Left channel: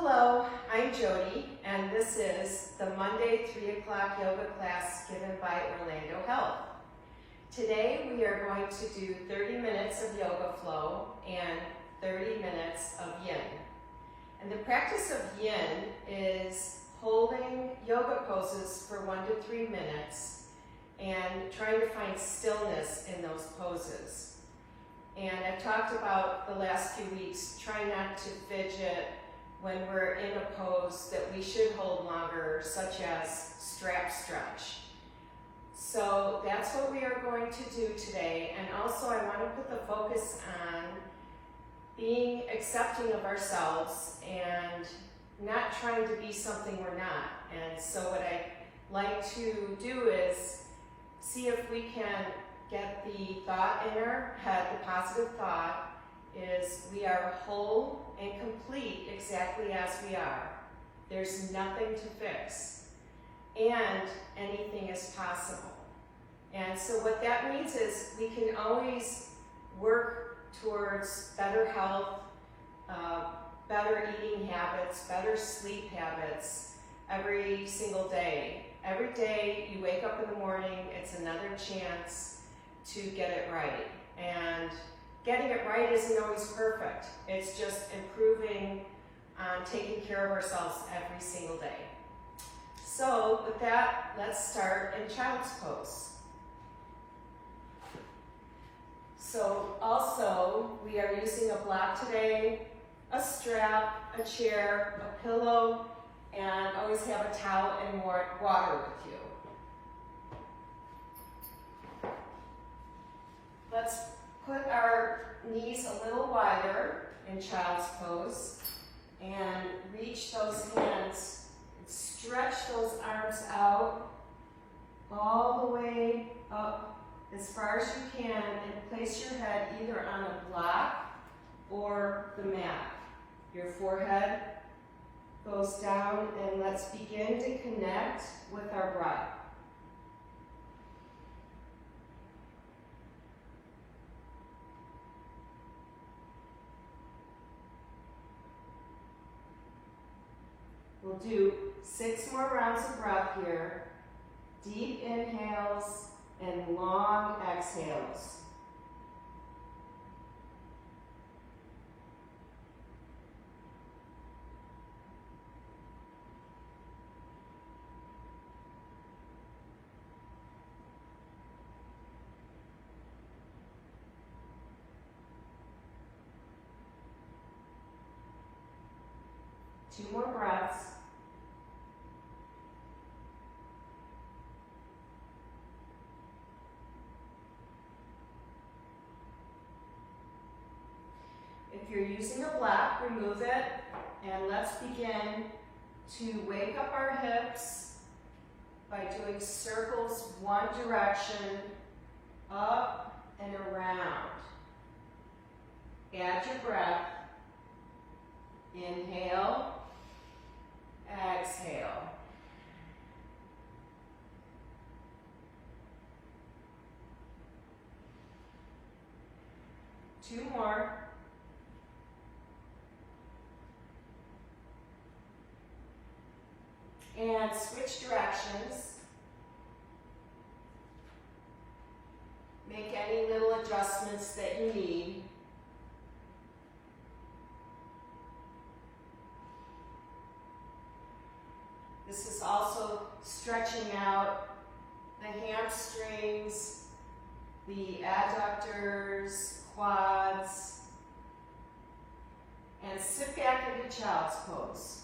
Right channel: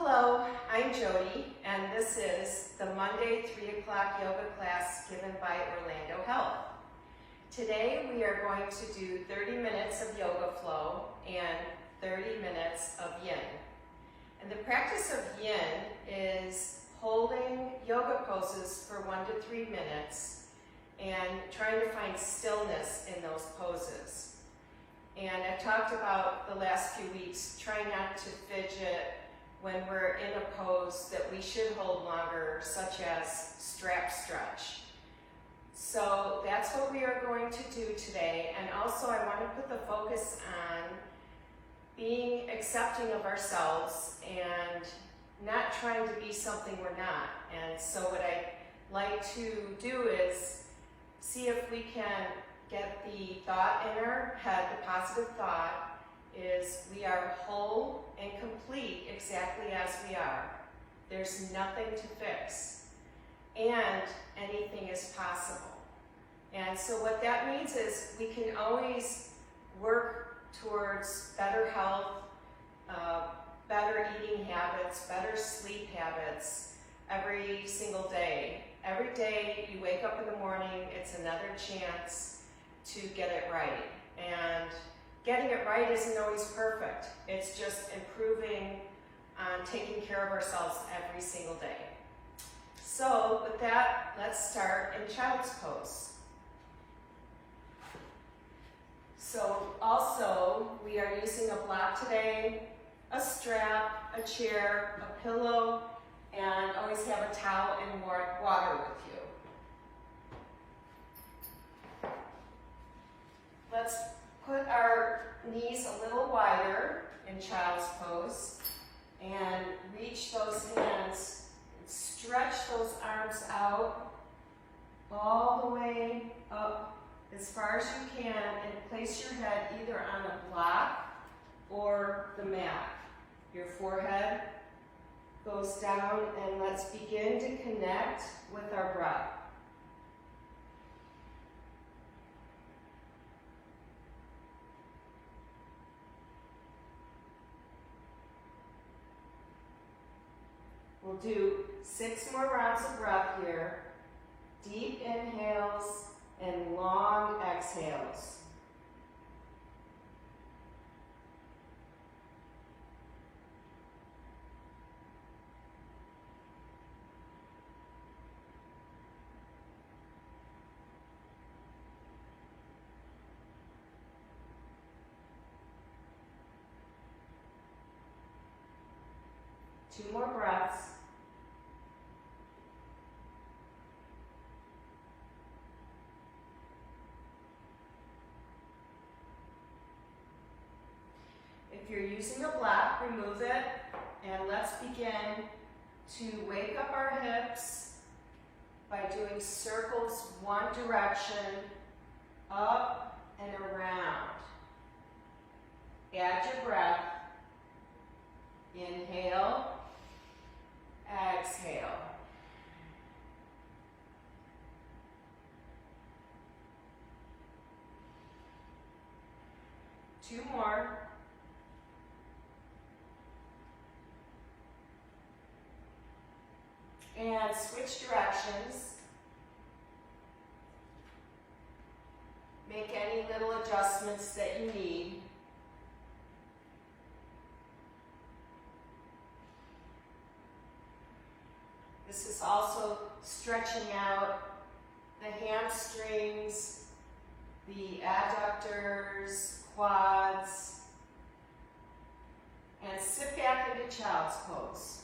Hello, I'm Jody, and this is the Monday 3 o'clock yoga class given by Orlando Health. Today we are going to do 30 minutes of yoga flow and 30 minutes of yin. And the practice of yin is holding yoga poses for 1 to 3 minutes and trying to find stillness in those poses. And I've talked about the last few weeks trying not to fidget when we're in a pose that we should hold longer, such as strap stretch. So that's what we are going to do today. And also I want to put the focus on being accepting of ourselves and not trying to be something we're not. And so what I like to do is see if we can get the thought in our head, the positive thought, is we are whole and complete exactly as we are. There's nothing to fix, and anything is possible. And so what that means is we can always work towards better health, better eating habits, better sleep habits every single day. Every day you wake up in the morning, it's another chance to get it right. And getting it right isn't always perfect. It's just improving on taking care of ourselves every single day. So with that, let's start in child's pose. So also, we are using a block today, a strap, a chair, a pillow, and always have a towel and water with you. Let's put our knees a little wider in child's pose and reach those hands and stretch those arms out all the way up as far as you can and place your head either on a block or the mat. Your forehead goes down, and let's begin to connect with our breath. We'll do 6 more rounds of breath here. Deep inhales and long exhales. Two more breaths. If you're using a block, remove it, and let's begin to wake up our hips by doing circles one direction, up and around. Add your breath. Inhale, exhale. Two more. And switch directions. Make any little adjustments that you need. This is also stretching out the hamstrings, the adductors, quads, and sit back into child's pose.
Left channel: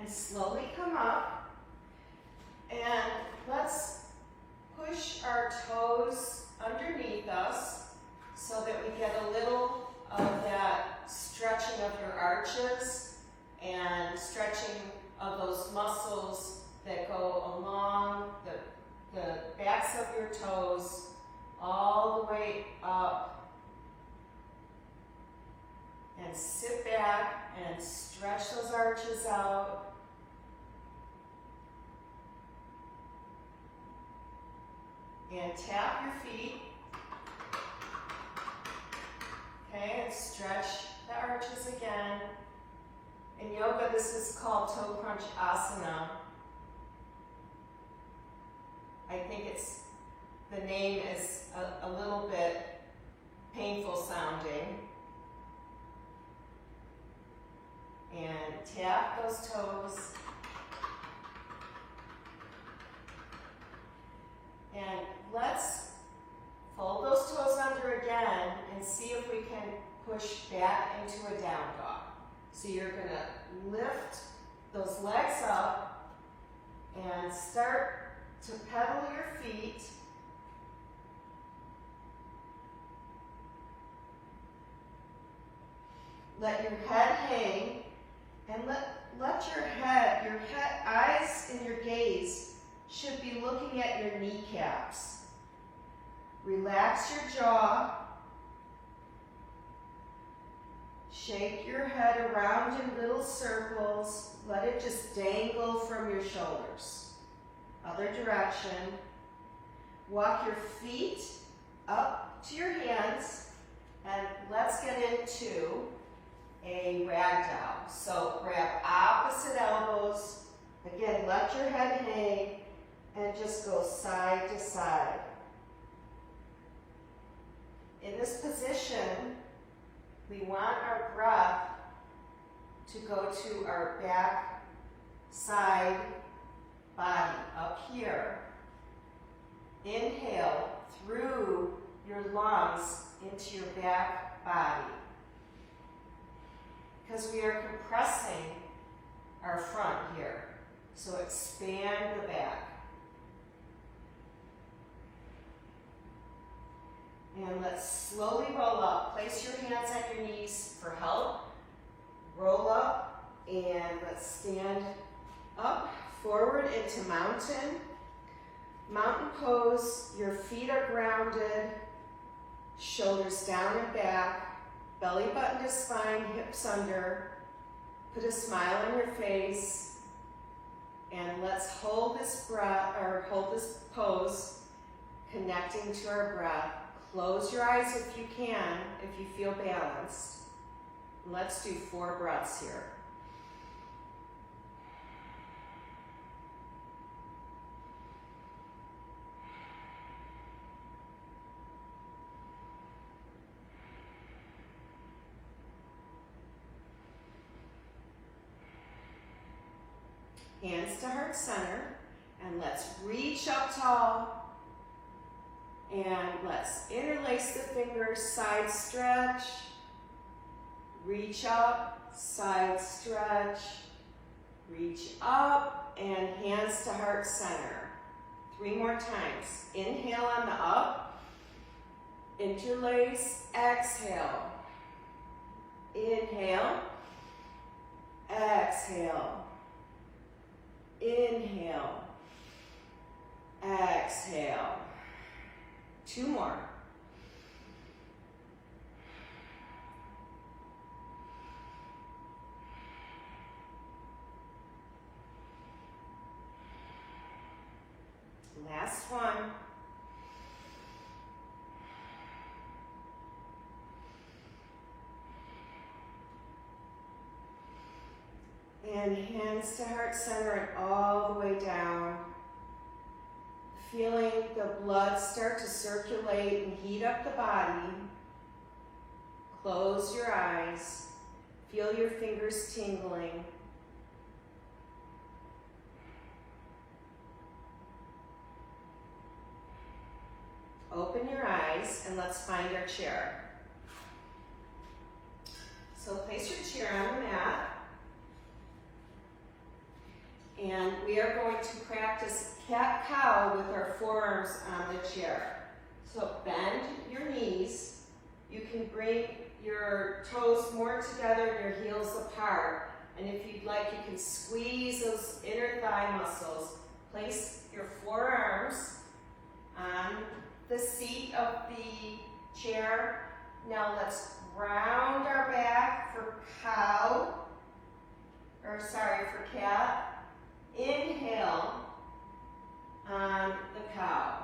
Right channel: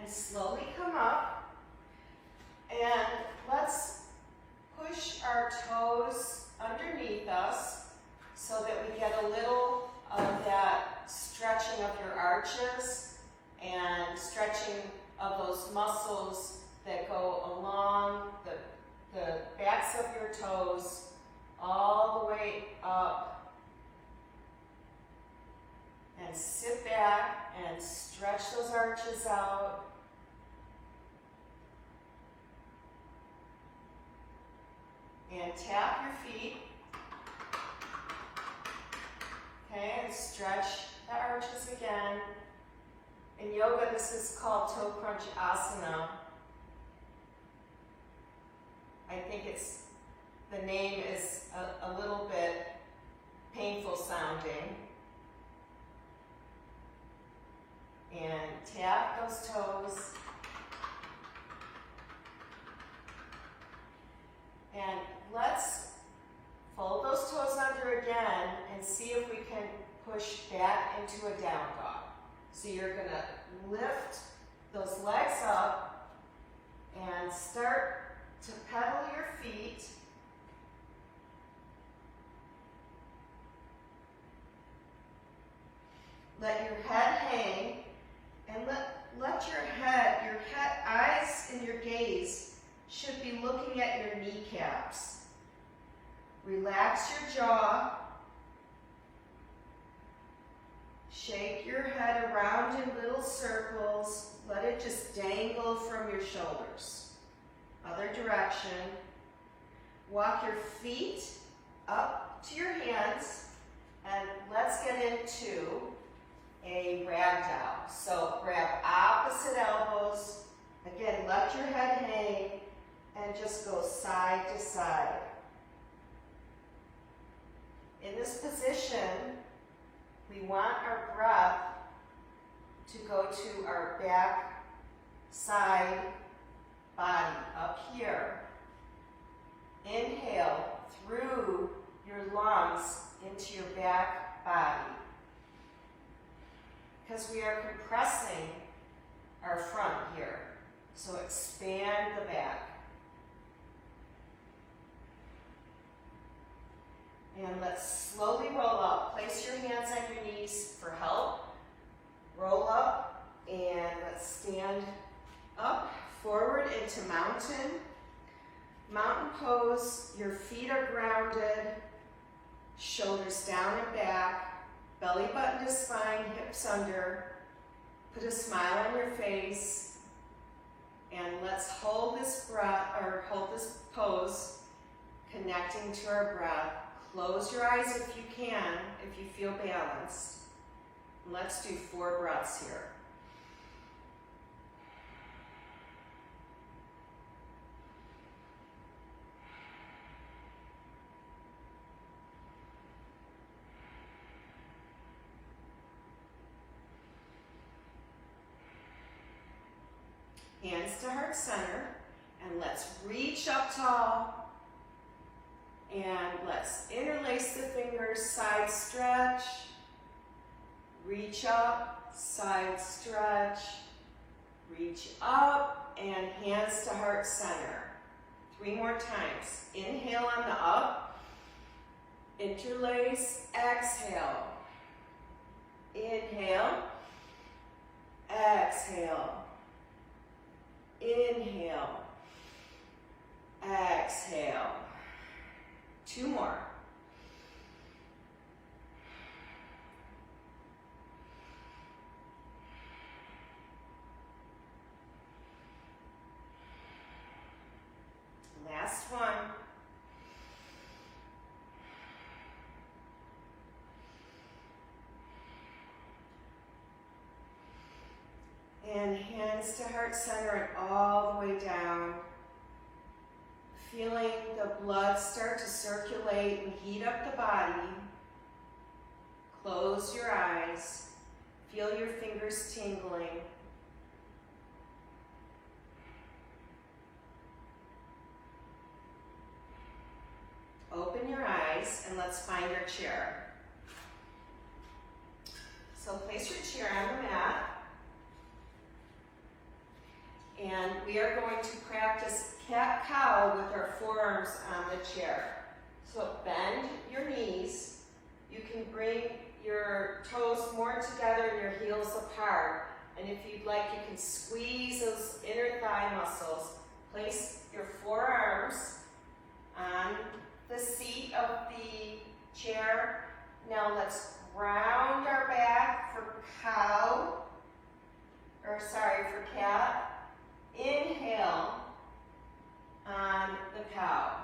And slowly come up, and let's push our toes underneath us so that we get a little of that stretching of your arches and stretching of those muscles that go along the backs of your toes all the way up. And sit back and stretch those arches out. And tap your feet. Okay, and stretch the arches again. In yoga, this is called toe crunch asana. I think the name is a little bit painful sounding. And tap those toes. And let's fold those toes under again and see if we can push back into a down dog. So you're going to lift those legs up and start to pedal your feet. Let your head hang and let your eyes and your gaze should be looking at your kneecaps. Relax your jaw. Shake your head around in little circles. Let it just dangle from your shoulders. Other direction. Walk your feet up to your hands, and let's get into a ragdoll. So grab opposite elbows. Again, let your head hang and just go side to side. In this position, we want our breath to go to our back side body, up here. Inhale through your lungs into your back body. Because we are compressing our front here. So expand the back. And let's slowly roll up. Place your hands on your knees for help. Roll up and let's stand up, forward into mountain. Mountain pose, your feet are grounded, shoulders down and back, belly button to spine, hips under. Put a smile on your face. And let's hold this breath, or hold this pose, connecting to our breath. Close your eyes if you can, if you feel balanced. Let's do 4 breaths here. Hands to heart center, and let's reach up tall. And let's interlace the fingers, side stretch, reach up, side stretch, reach up, and hands to heart center. 3 more times. Inhale on the up, interlace, exhale. Inhale, exhale. Inhale, exhale. 2 more. Last one. And hands to heart center and all the way down. Feeling the blood start to circulate and heat up the body. Close your eyes. Feel your fingers tingling. Open your eyes and let's find our chair. So place your chair on the mat. And we are going to practice cat-cow with our forearms on the chair. So bend your knees. You can bring your toes more together and your heels apart. And if you'd like, you can squeeze those inner thigh muscles. Place your forearms on the seat of the chair. Now let's round our back for cat. Inhale on the cow.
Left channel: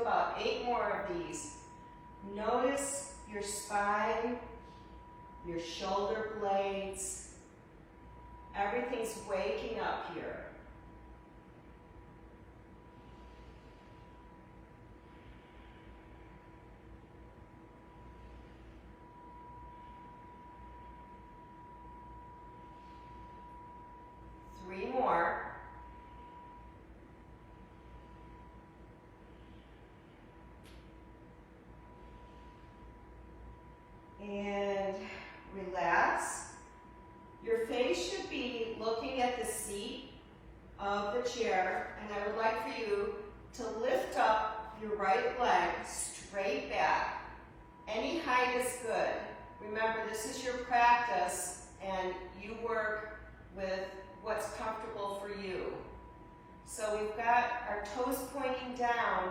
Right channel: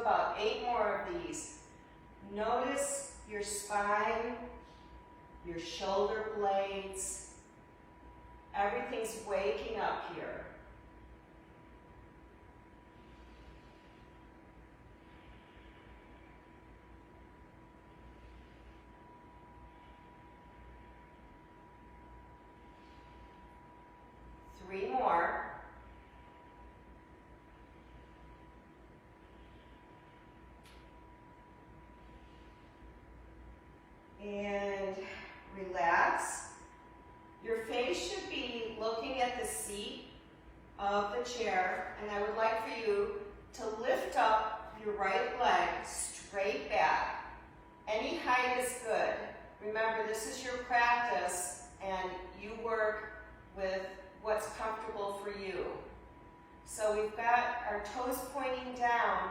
about 8 more of these. Notice your spine, your shoulder blades. Everything's waking up here. Three more. And relax. Your face should be looking at the seat of the chair, and I would like for you to lift up your right leg straight back. Any height is good. Remember, this is your practice, and you work with what's comfortable for you. So we've got our toes pointing down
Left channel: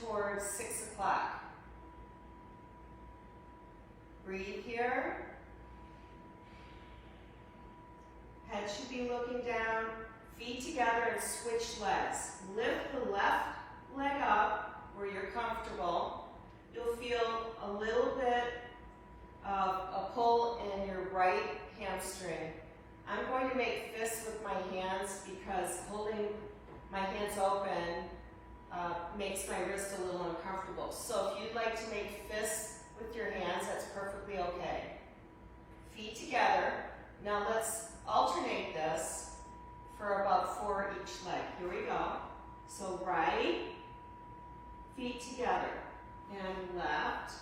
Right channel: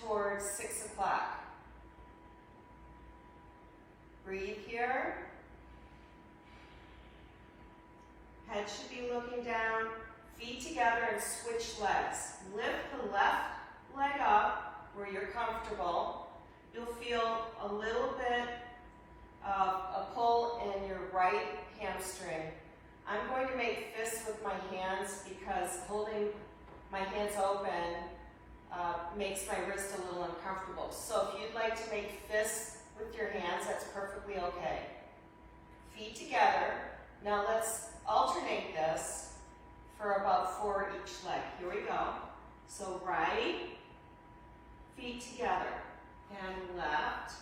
towards 6 o'clock. Breathe here. Head should be looking down, feet together, and switch legs. Lift the left leg up where you're comfortable. You'll feel a little bit of a pull in your right hamstring. I'm going to make fists with my hands because holding my hands open makes my wrist a little uncomfortable. So if you'd like to make fists with your hands, that's perfectly okay. Feet together. Now let's alternate this for about 4 each leg. Here we go. So right, feet together, and left.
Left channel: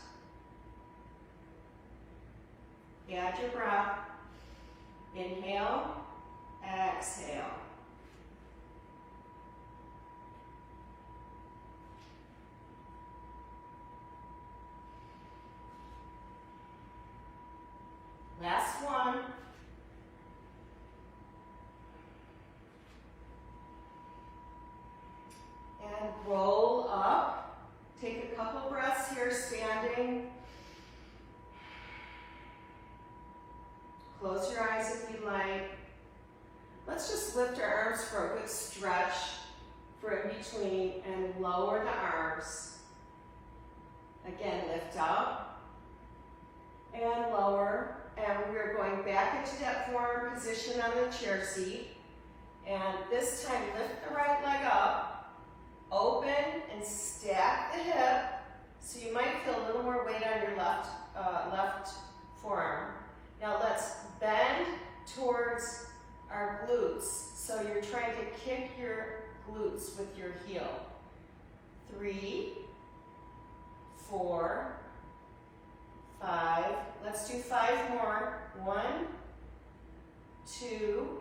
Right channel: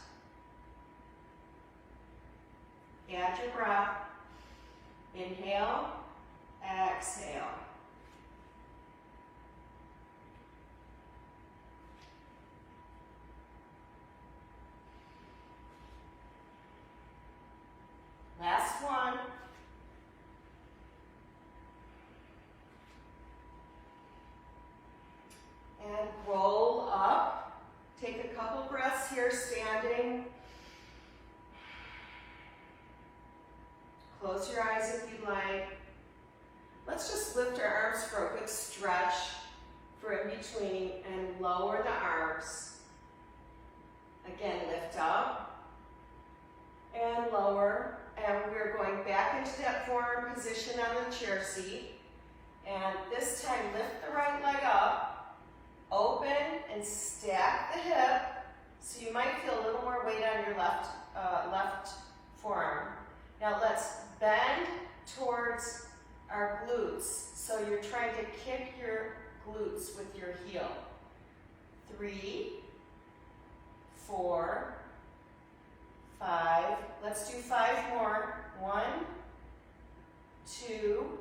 Add your breath. Inhale, exhale. Last one. And roll up. Take a couple breaths here, standing. Close your eyes if you'd like. Let's just lift our arms for a good stretch for in between and lower the arms. Again, lift up and lower. And we're going back into that forward position on the chair seat. And this time, lift the right leg up, open and stack the hip. So you might feel a little more weight on your left forearm. Now let's bend towards our glutes. So you're trying to kick your glutes with your heel. 3, 4, 5. Let's do 5 more. 1, 2,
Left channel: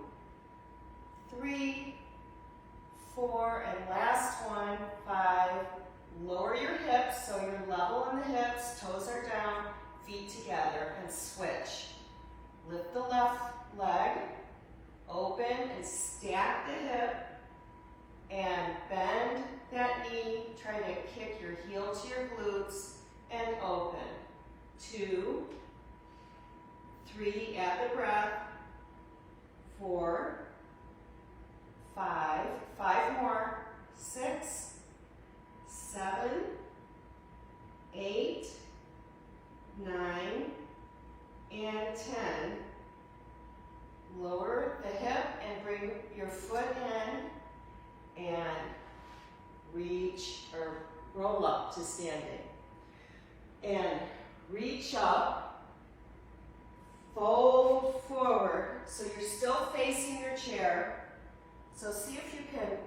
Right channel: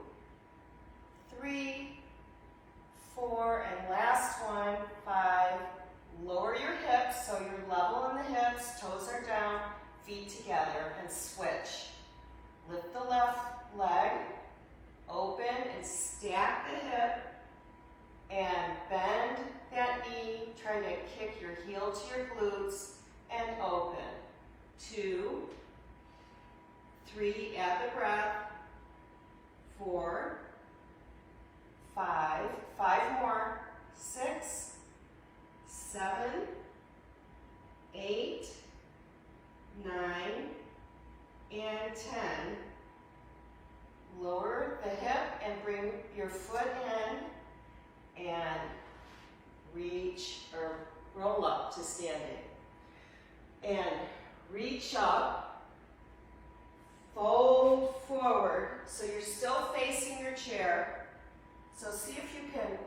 3, 4, and last one, 5. Lower your hips so you're level on the hips, toes are down, feet together, and switch. Lift the left leg, open and stack the hip, and bend that knee, trying to kick your heel to your glutes, and open. 2, 3, add the breath. 4, 5, 5 more. 6, 7, 8, 9, and 10. Lower the hip and bring your foot in and reach or roll up to standing. And reach up, fold forward, so you're still facing your chair. So see if you can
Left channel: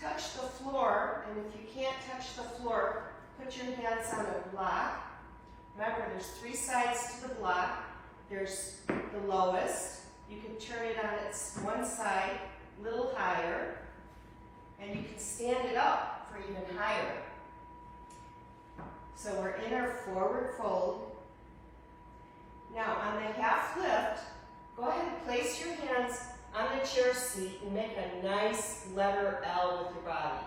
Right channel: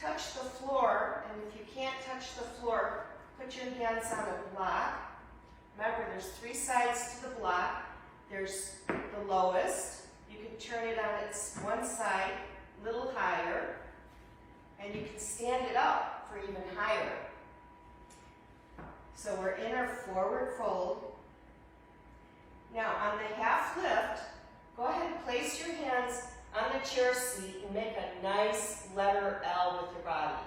touch the floor, and if you can't touch the floor, put your hands on a block. Remember, there's 3 sides to the block. There's the lowest. You can turn it on its one side a little higher, and you can stand it up for even higher. So we're in our forward fold. Now on the half lift, go ahead and place your hands on the chair seat and make a nice letter L with your body.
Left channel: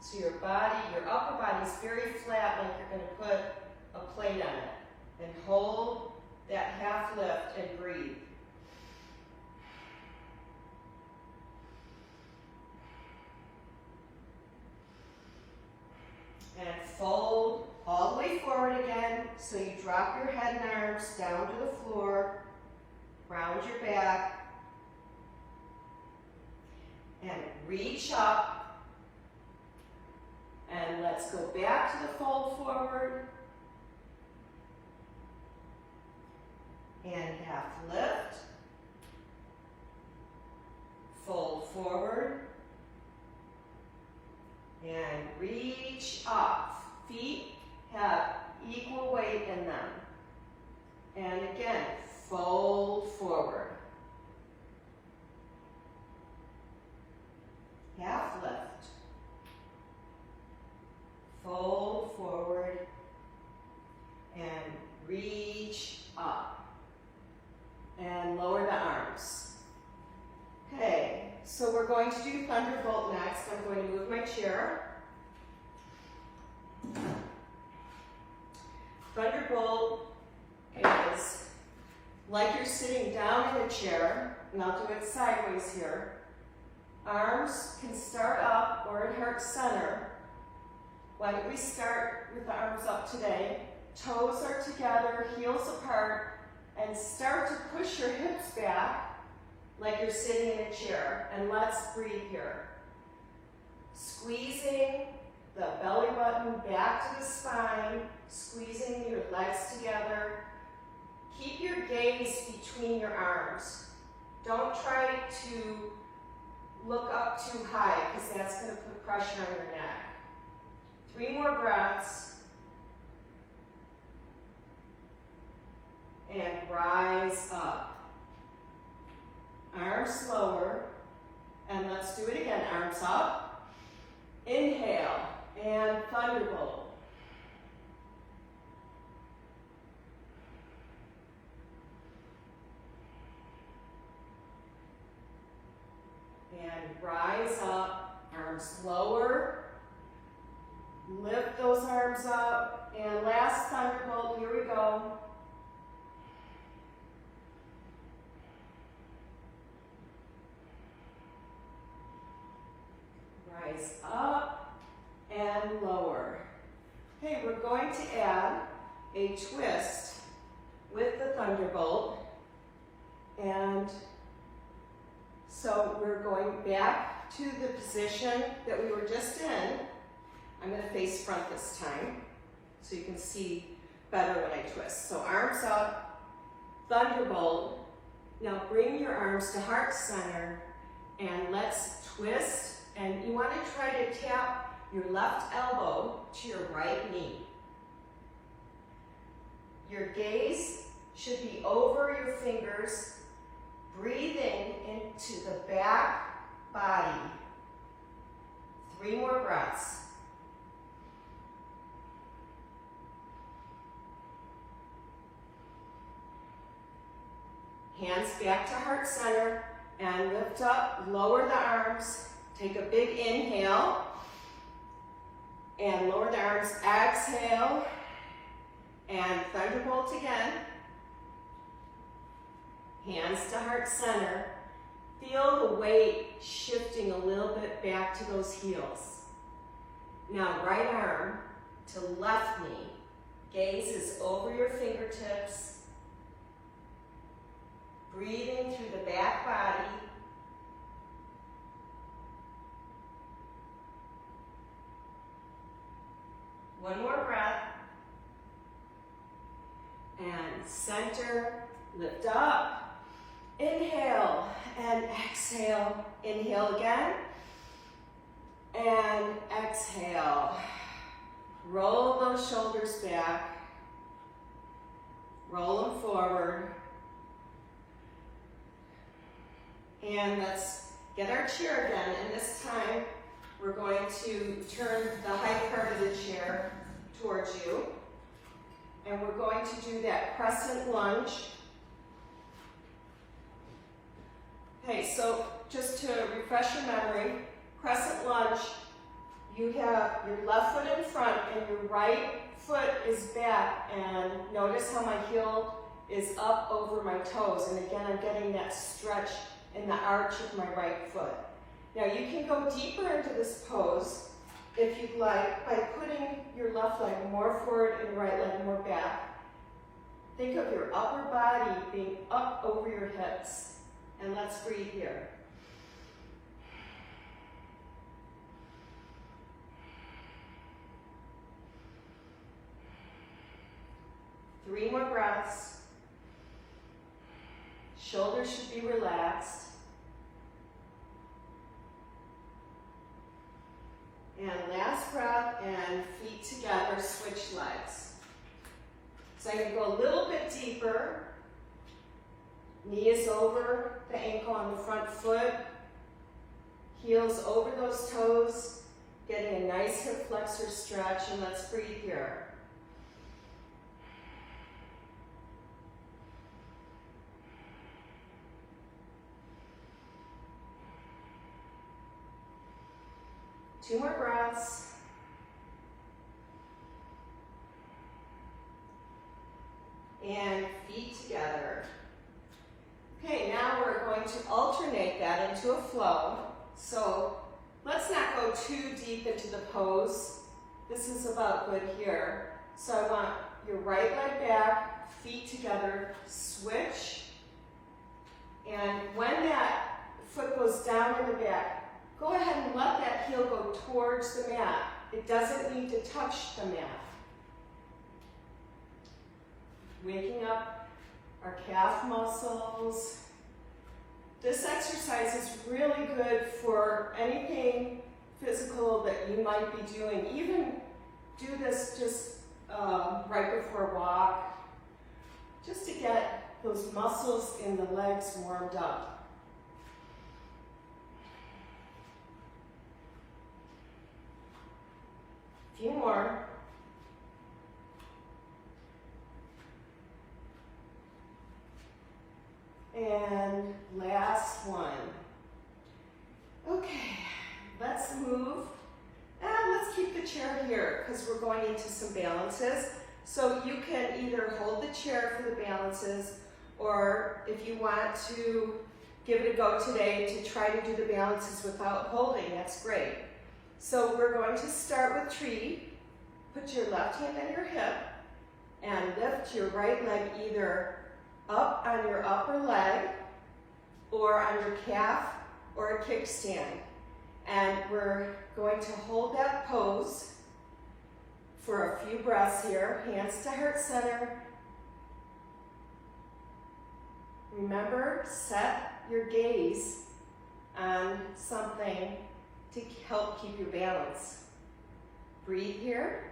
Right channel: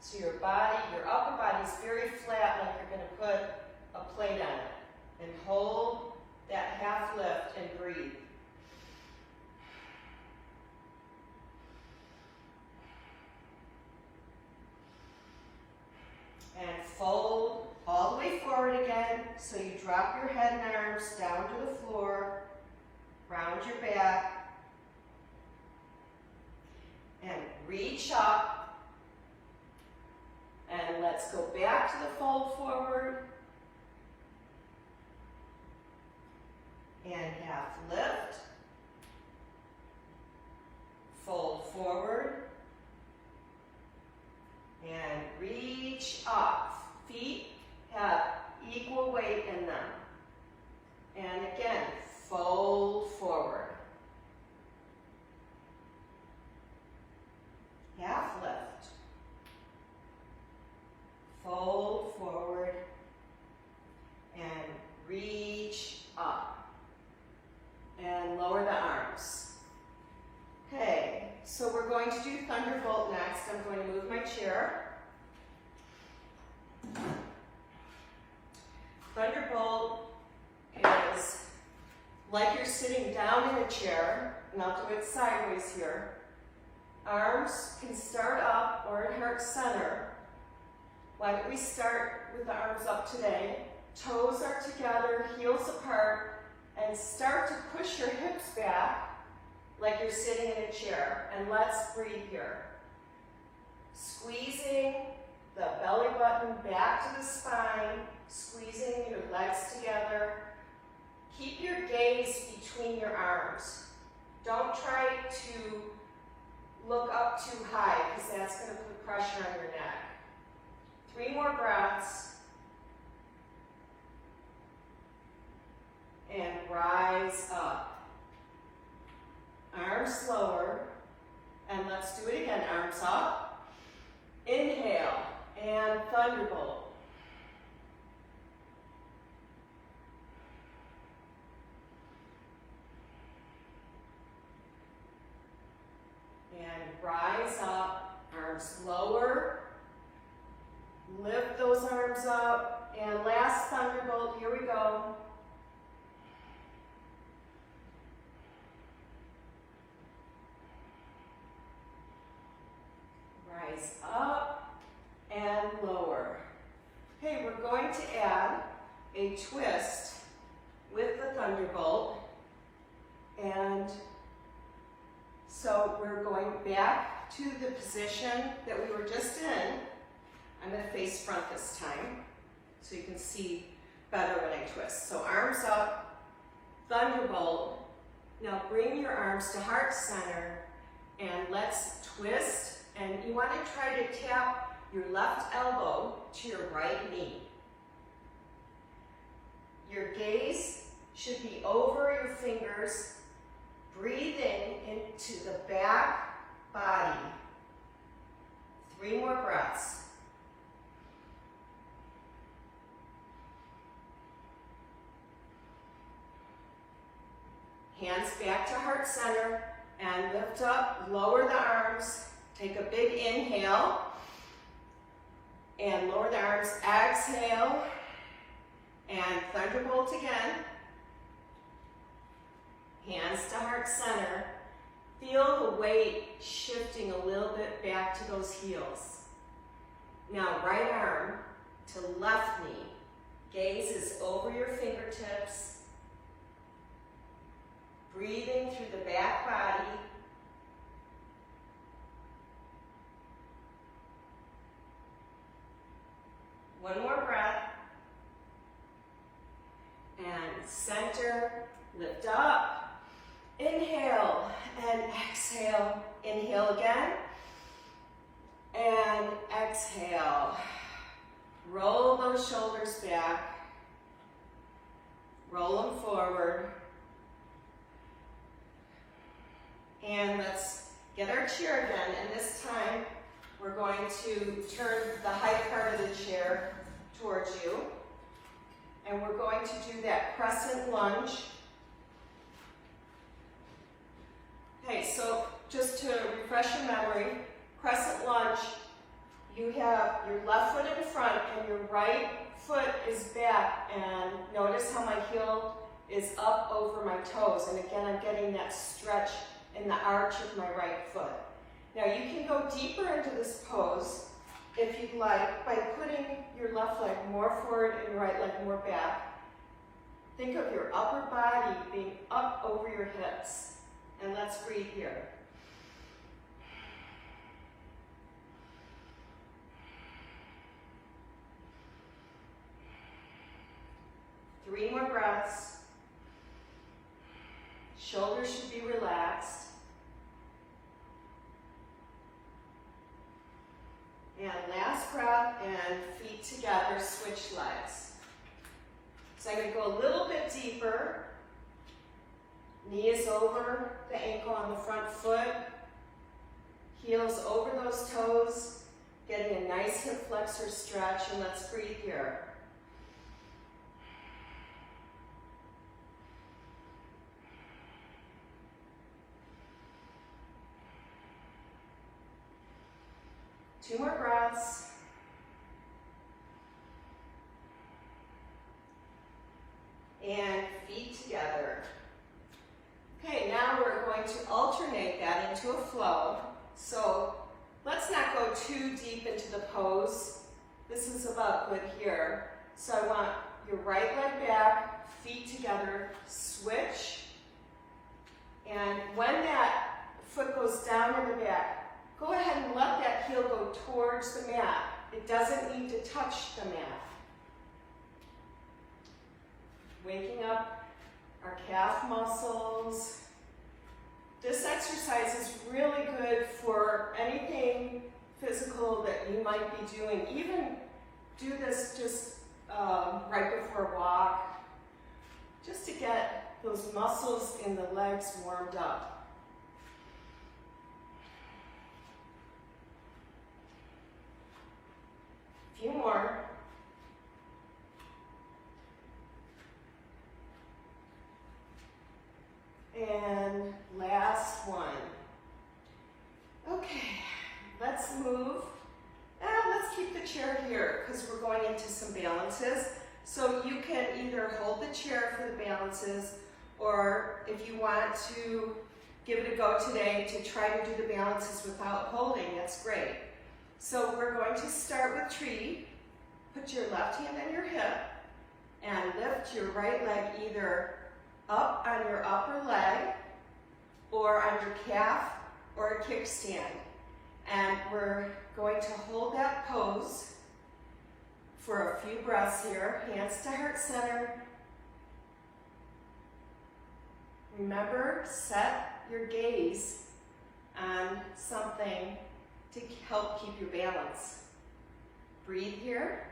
So your body, your upper body is very flat, like you're going to put a plate on it. And hold that half lift and breathe. And fold all the way forward again, so you drop your head and arms down to the floor, round your back, and reach up. And let's go back to the fold forward. And half lift. Fold forward. And reach up. Feet have equal weight in them. And again, fold forward. Half lift. Fold forward. And reach up. And lower the arms. Okay, so we're going to do Thunderbolt next. I'm going to move my chair. Thunderbolt is like you're sitting down in a chair, and I'll do it sideways here. Arms can start up or at heart center. Why don't we start with the arms up today? Toes are together, heels apart, and start to push your hips back like you're sitting in a chair. And let's breathe here. Squeezing the belly button back to the spine, squeezing your legs together. Keep your gaze between your arms. Don't try to look up too high because that's going to put pressure on your neck. 3 more breaths. And rise up. Arms lower. And let's do it again. Arms up. Inhale. And Thunderbolt. And rise up. Arms lower. Lift those arms up. And last Thunderbolt. Here we go. Rise up and lower. Okay, we're going to add a twist with the Thunderbolt. And so we're going back to the position that we were just in. I'm going to face front this time so you can see better when I twist. So arms up, Thunderbolt. Now bring your arms to heart center and let's twist. And you want to try to tap your left elbow to your right knee. Your gaze should be over your fingers, breathing into the back body. 3 more breaths. Hands back to heart center and lift up, lower the arms. Take a big inhale and lower the arms. Exhale and Thunderbolt again. Hands to heart center. Feel the weight shifting a little bit back to those heels. Now right arm to left knee. Gaze is over your fingertips. Breathing through the back body. One more breath. And center, lift up. Inhale and exhale. Inhale again. And exhale. Roll those shoulders back. Roll them forward. And let's get our chair again. And this time, we're going to turn the high part of the chair towards you. And we're going to do that Crescent Lunge. Okay, so just to refresh your memory, Crescent Lunge, you have your left foot in front and your right foot is back. And notice how my heel is up over my toes. And again, I'm getting that stretch in the arch of my right foot. Now you can go deeper into this pose if you'd like by putting left leg more forward and right leg more back. Think of your upper body being up over your hips. And let's breathe here. Three more breaths. Shoulders should be relaxed. And last breath, and feet together, switch legs. So I'm going to go a little bit deeper. Knee is over the ankle on the front foot. Heels over those toes. Getting a nice hip flexor stretch, and let's breathe here. Two more breaths. And feet together. Okay, now we're going to alternate that into a flow. So let's not go too deep into the pose. This is about good here. So I want your right leg back, feet together, switch. And when that foot goes down in the back, go ahead and let that heel go towards the mat. It doesn't need to touch the mat. Waking up our calf muscles. This exercise is really good for anything physical that you might be doing. Even do this just right before a walk, just to get those muscles in the legs warmed up. A few more. And last one. Okay, let's move. And let's keep the chair here because we're going into some balances. So you can either hold the chair for the balances, or if you want to give it a go today to try to do the balances without holding, that's great. So we're going to start with tree. Put your left hand on your hip and lift your right leg either up on your upper leg or on your calf or a kickstand. And we're going to hold that pose for a few breaths here. Hands to heart center. Remember, set your gaze on something to help keep your balance. Breathe here.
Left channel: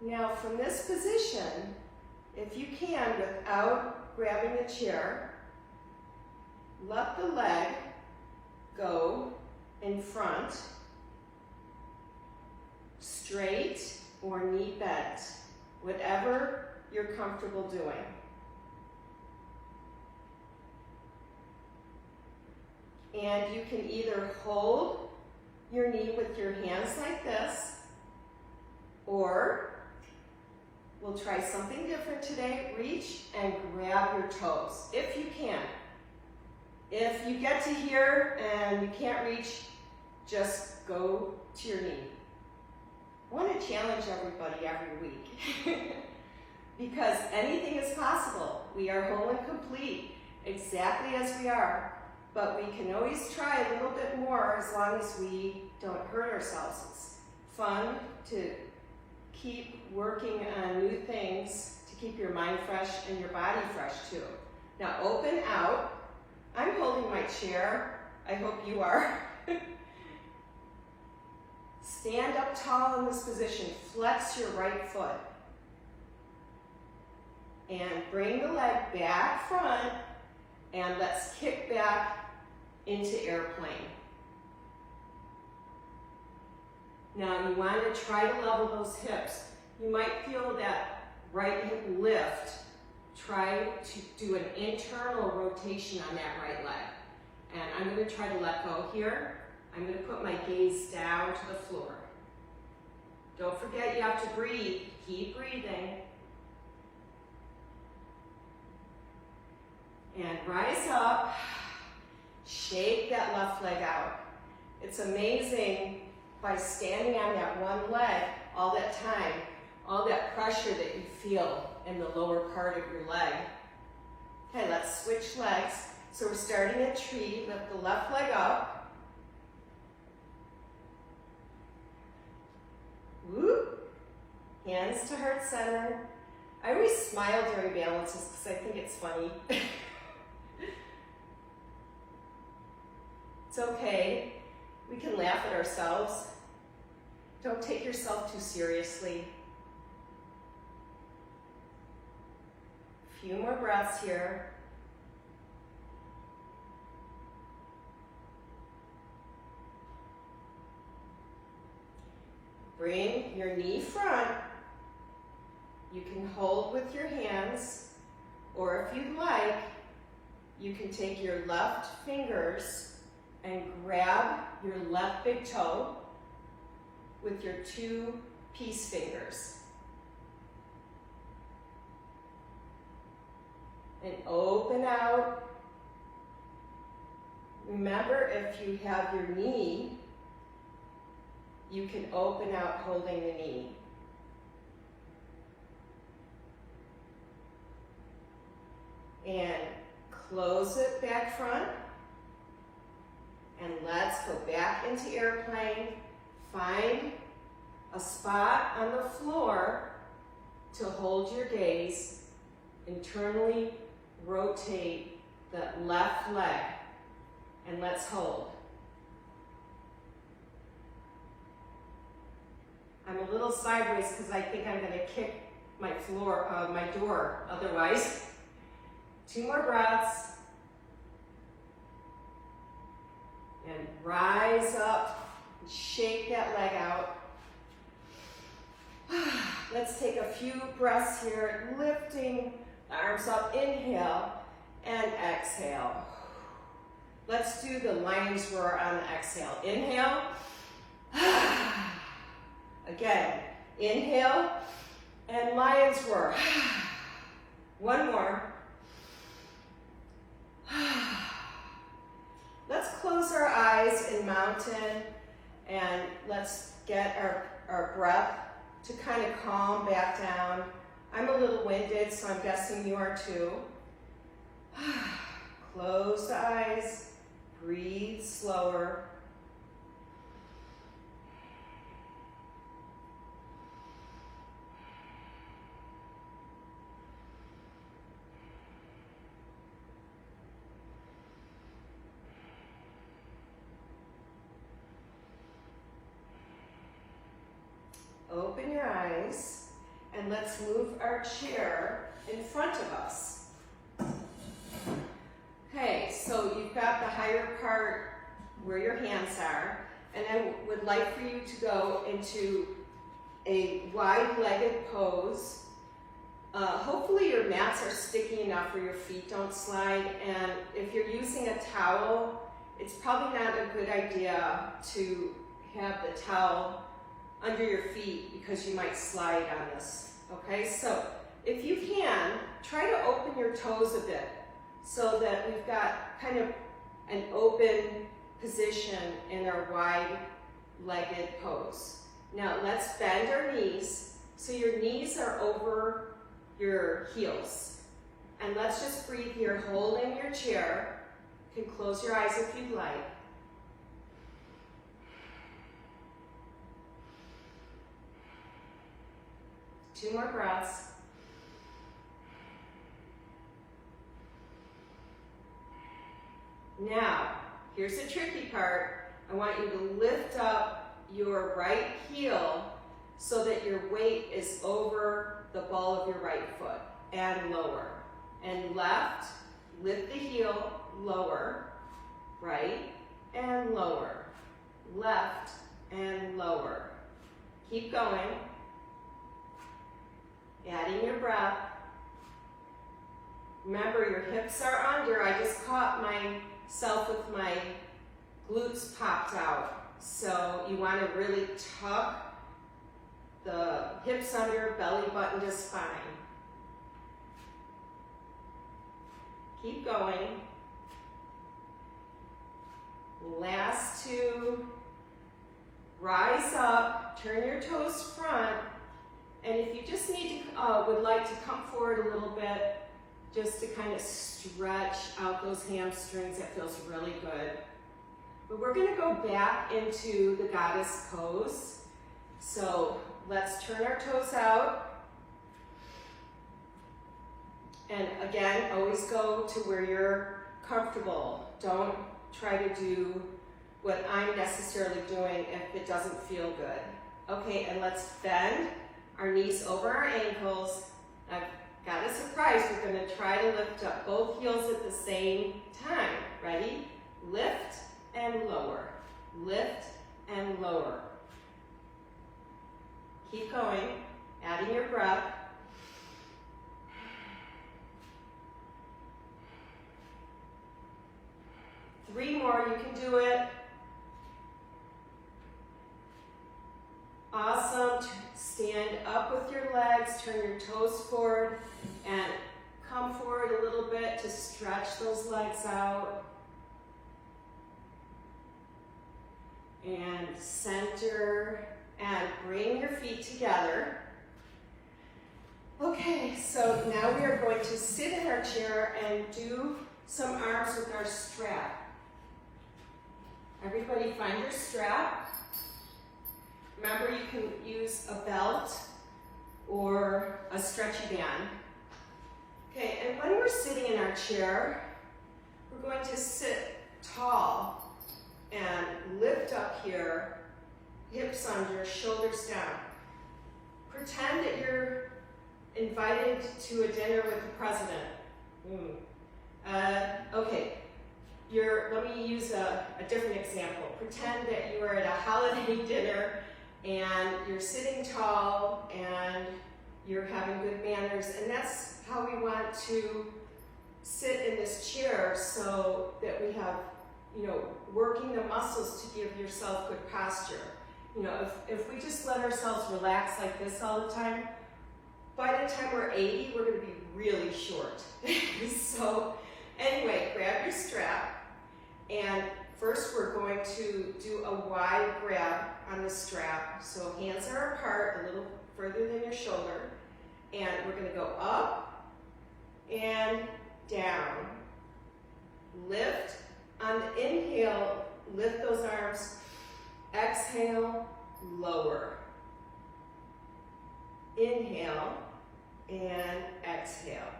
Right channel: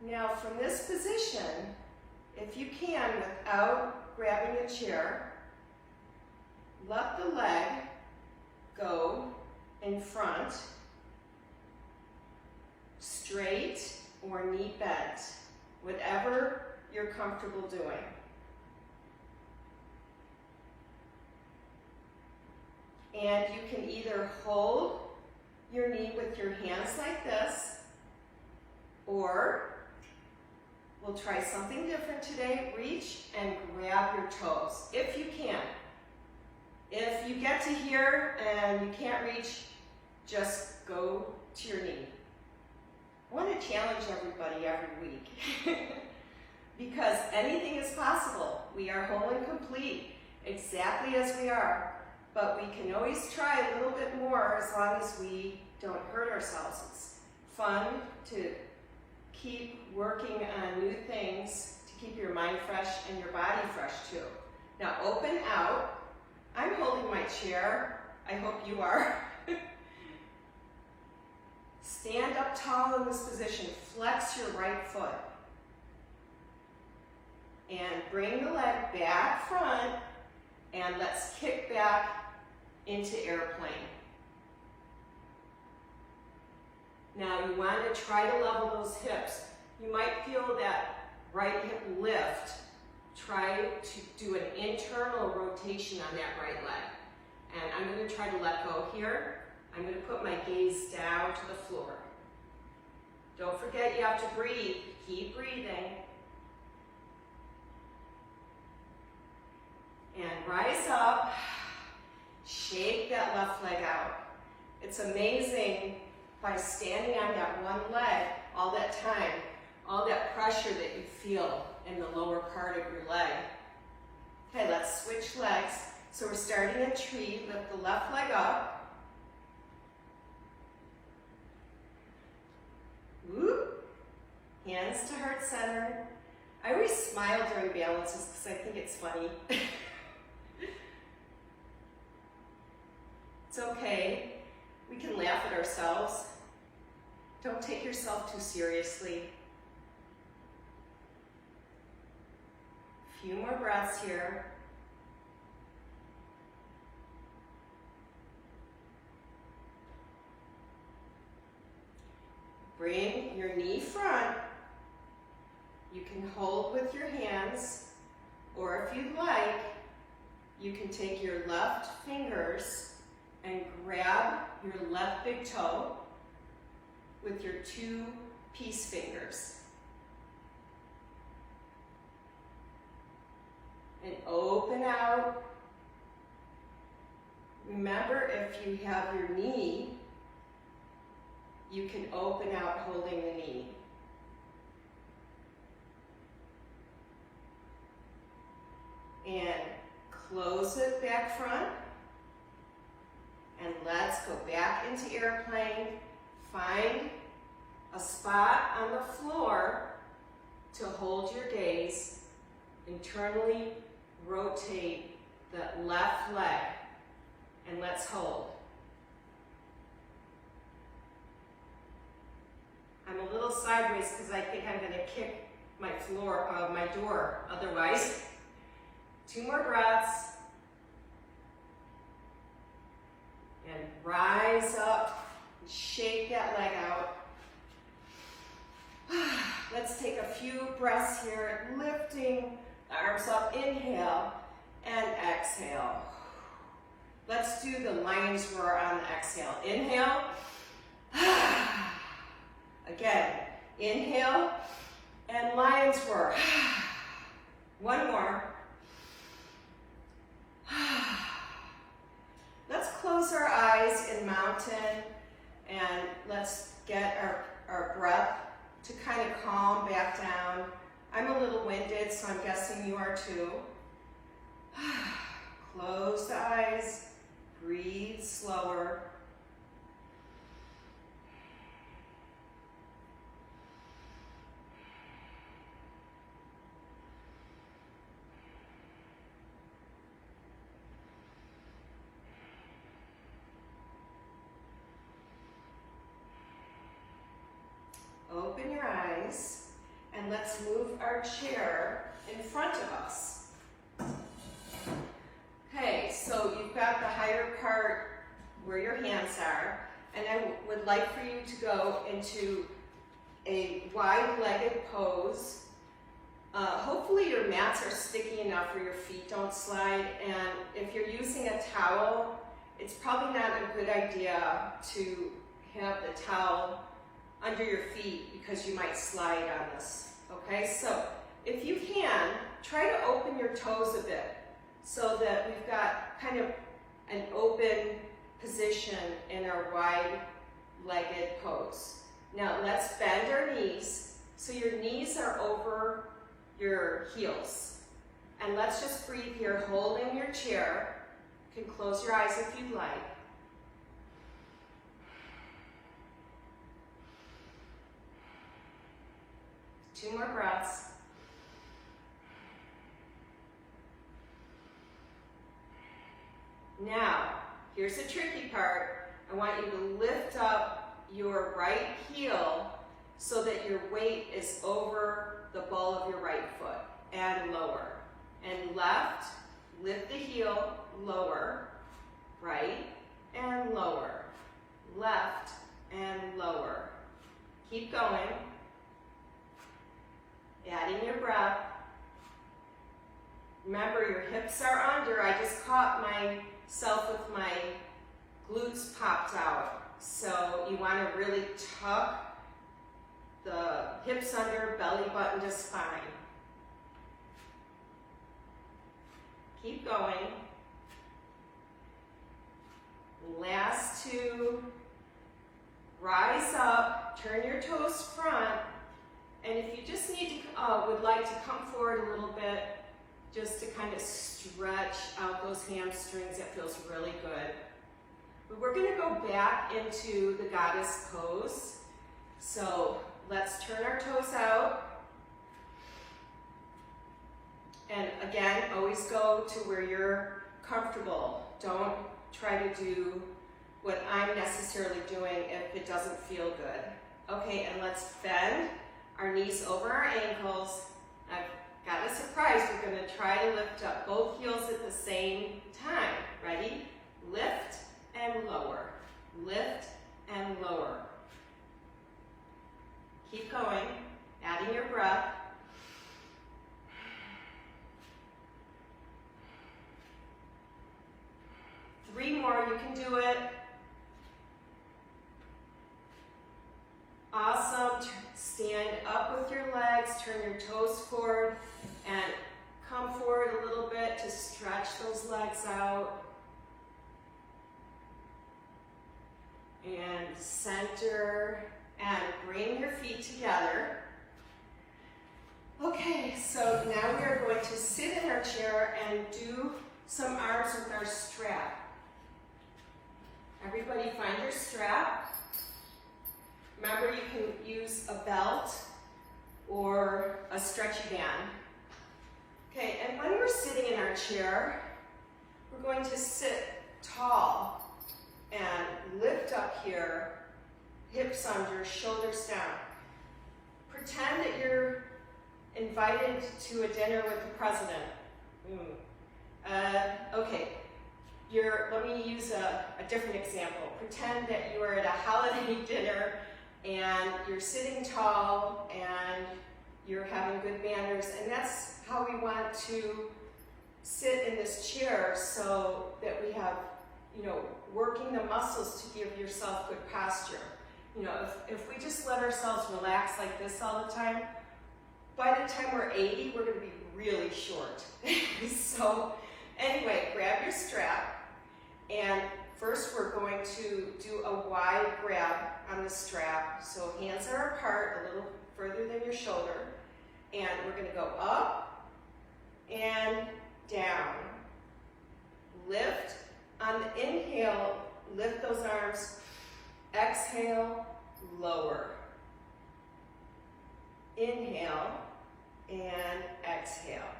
Now from this position, if you can, without grabbing the chair, let the leg go in front, straight or knee bent, whatever you're comfortable doing. And you can either hold your knee with your hands like this, or we'll try something different today. Reach and grab your toes, if you can. If you get to here and you can't reach, just go to your knee. I want to challenge everybody every week because anything is possible. We are whole and complete, exactly as we are, but we can always try a little bit more as long as we don't hurt ourselves. It's fun to keep working on new things to keep your mind fresh and your body fresh too. Now open out. I'm holding my chair. I hope you are. Stand up tall in this position. Flex your right foot. And bring the leg back front, and let's kick back into airplane. Now you want to try to level those hips. You might feel that right hip lift. Try to do an internal rotation on that right leg. And I'm going to try to let go here. I'm going to put my gaze down to the floor. Don't forget you have to breathe. Keep breathing. And rise up. Shake that left leg out. It's amazing by standing on that one leg all that time, all that pressure that you feel in the lower part of your leg. Okay, let's switch legs. So we're starting a tree, lift the left leg up. Whoop. Hands to heart center. I always smile during balances because I think it's funny. It's okay. We can laugh at ourselves. Don't take yourself too seriously. A few more breaths here. Bring your knee front. You can hold with your hands, or if you'd like, you can take your left fingers and grab your left big toe with your two peace fingers. And open out. Remember, if you have your knee, you can open out holding the knee. And close it back front. And let's go back into airplane. Find a spot on the floor to hold your gaze. Internally rotate the left leg. And let's hold. I'm a little sideways because I think I'm going to kick my my door otherwise. 2 more breaths. And rise up, and shake that leg out. Let's take a few breaths here, lifting the arms up, inhale, and exhale. Let's do the lion's roar on the exhale. Inhale. Again, inhale, and lion's roar. One more. Let's close our eyes in mountain, and let's get our breath to kind of calm back down. I'm a little winded, so I'm guessing you are too. Close the eyes, breathe slower. Open your eyes, and let's move our chair in front of us. Okay, so you've got the higher part where your hands are, and I would like for you to go into a wide-legged pose. Hopefully your mats are sticky enough where your feet don't slide, and if you're using a towel, it's probably not a good idea to have the towel under your feet because you might slide on this, okay? So if you can, try to open your toes a bit so that we've got kind of an open position in our wide-legged pose. Now let's bend our knees so your knees are over your heels. And let's just breathe here, hold in your chair. You can close your eyes if you'd like. Two more breaths. Now, here's the tricky part. I want you to lift up your right heel so that your weight is over the ball of your right foot and lower. And left, lift the heel, lower, right, and lower. Left and lower. Keep going. Adding your breath. Remember, your hips are under. I just caught myself with my glutes popped out. So you want to really tuck the hips under, belly button to spine. Keep going. Last two. Rise up, turn your toes front, and if you just need to, would like to come forward a little bit, just to kind of stretch out those hamstrings, that feels really good. But we're gonna go back into the goddess pose. So let's turn our toes out. And again, always go to where you're comfortable. Don't try to do what I'm necessarily doing if it doesn't feel good. Okay, and let's bend our knees over our ankles. I've got a surprise. We're gonna try to lift up both heels at the same time. Ready? Lift and lower. Lift and lower. Keep going, adding your breath. Three more, you can do it. Awesome. Stand up with your legs, turn your toes forward, and come forward a little bit to stretch those legs out. And center, and bring your feet together. Okay, so now we are going to sit in our chair and do some arms with our strap. Everybody find your strap. Remember, you can use a belt or a stretchy band. Okay, and when we're sitting in our chair, we're going to sit tall and lift up here, hips under, shoulders down. Pretend that you're invited to a dinner with the president. Okay, let me use a different example. Pretend that you are at a holiday dinner and you're sitting tall and you're having good manners, and that's how we want to sit in this chair, so that we have, working the muscles to give yourself good posture. If we just let ourselves relax like this all the time, by the time we're 80, we're going to be really short. So anyway, grab your strap, and first we're going to do a wide grab on the strap. So hands are apart, a little further than your shoulder, and we're going to go up and down. Lift. On the inhale, lift those arms. Exhale, lower. Inhale and exhale.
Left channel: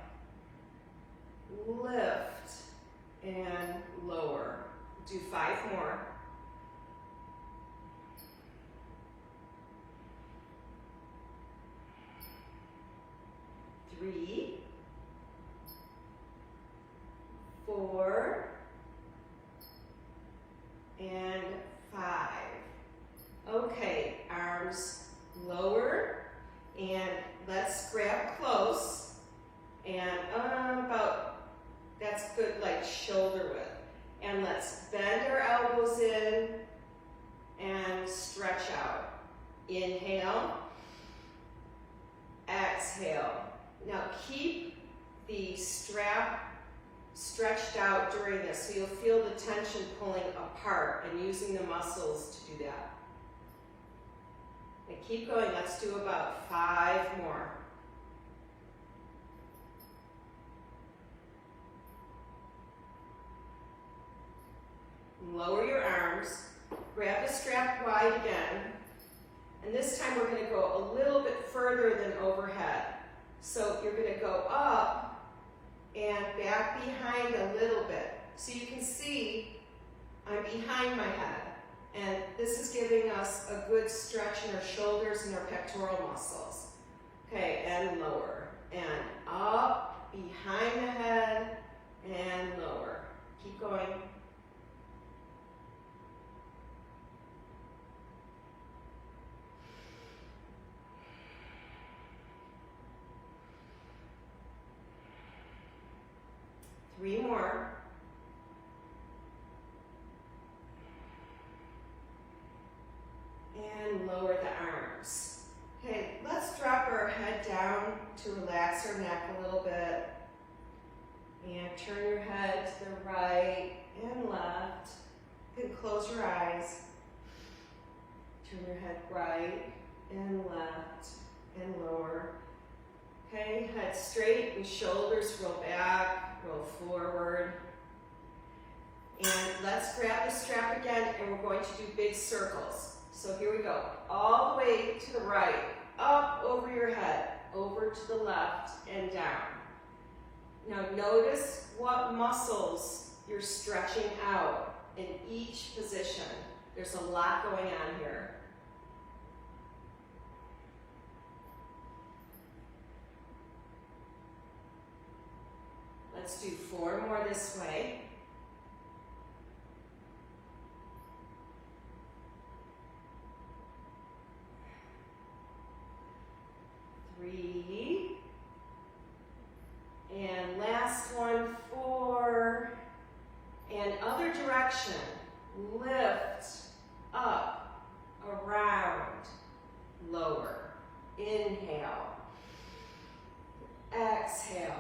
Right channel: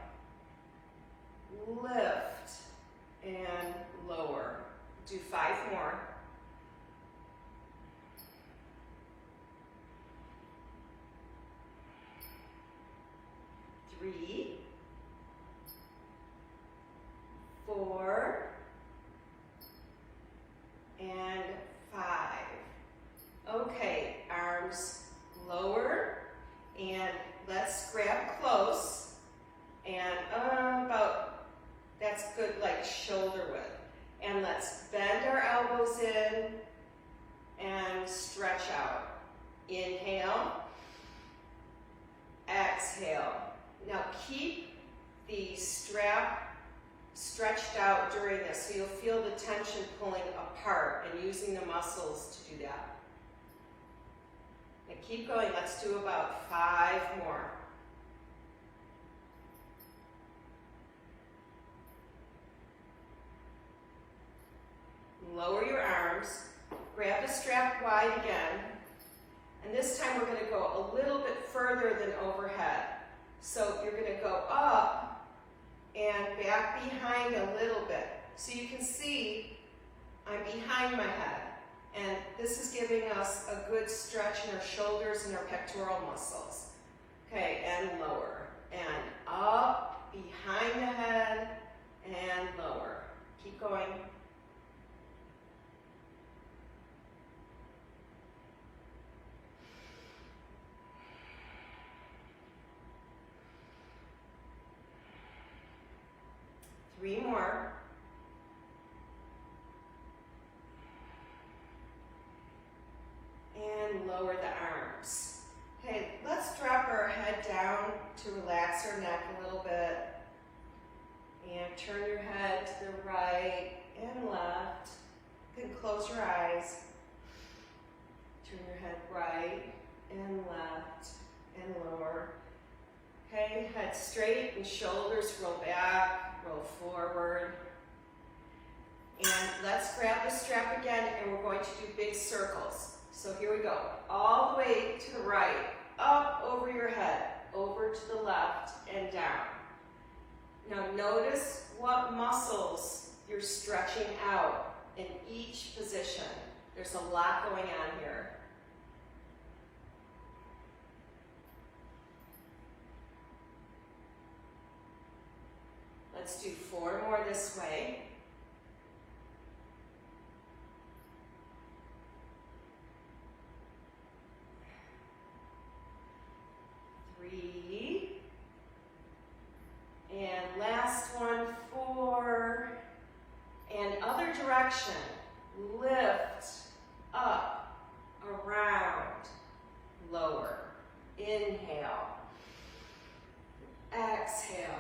Lift and lower. Do 5 more. Three, 4, and 5. Okay, arms lower, and let's grab close, and that's good, like shoulder width. And let's bend our elbows in and stretch out. Inhale, exhale. Now keep the strap stretched out during this, so you'll feel the tension pulling apart and using the muscles to do that. And keep going. Let's do about 5 more. Lower your arms, grab the strap wide again, and this time we're going to go a little bit further than overhead. So you're going to go up and back behind a little bit. So you can see I'm behind my head, and this is giving us a good stretch in our shoulders and our pectoral muscles. Okay, and lower, and up, behind the head, and lower. Keep going. Three more. And lower the arms. Okay, let's drop our head down to relax our neck a little bit. And turn your head to the right and left. You can close your eyes. Turn your head right and left and lower. Okay, head straight and shoulders roll back, roll forward. And let's grab the strap again, and we're going to do big circles. So here we go. All the way to the right, up over your head, over to the left and down. Now notice what muscles you're stretching out in each position. There's a lot going on here. Let's do 4 more this way. Three. And last one, 4. And other direction. Lift, up, around, lower. Inhale. Exhale.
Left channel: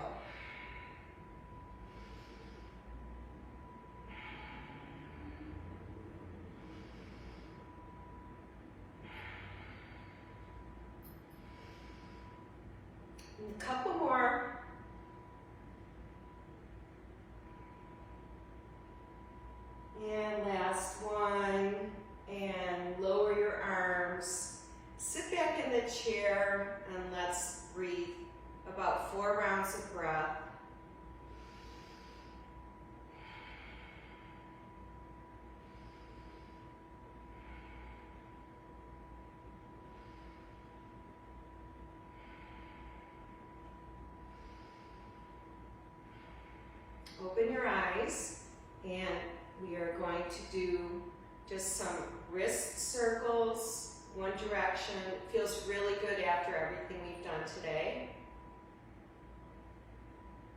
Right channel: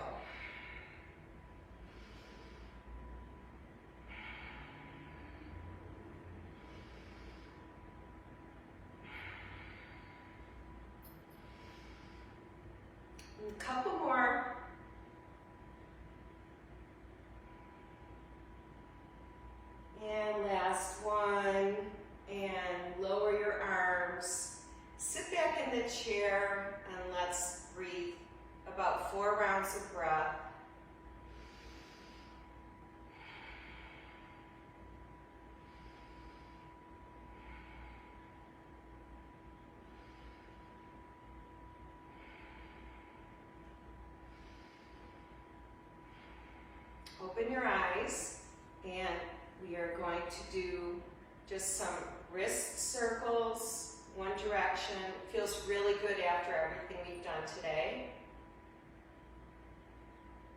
A couple more. And last one. And lower your arms. Sit back in the chair and let's breathe about 4 rounds of breath. Open your eyes, and we are going to do just some wrist circles, one direction. It feels really good after everything we've done today.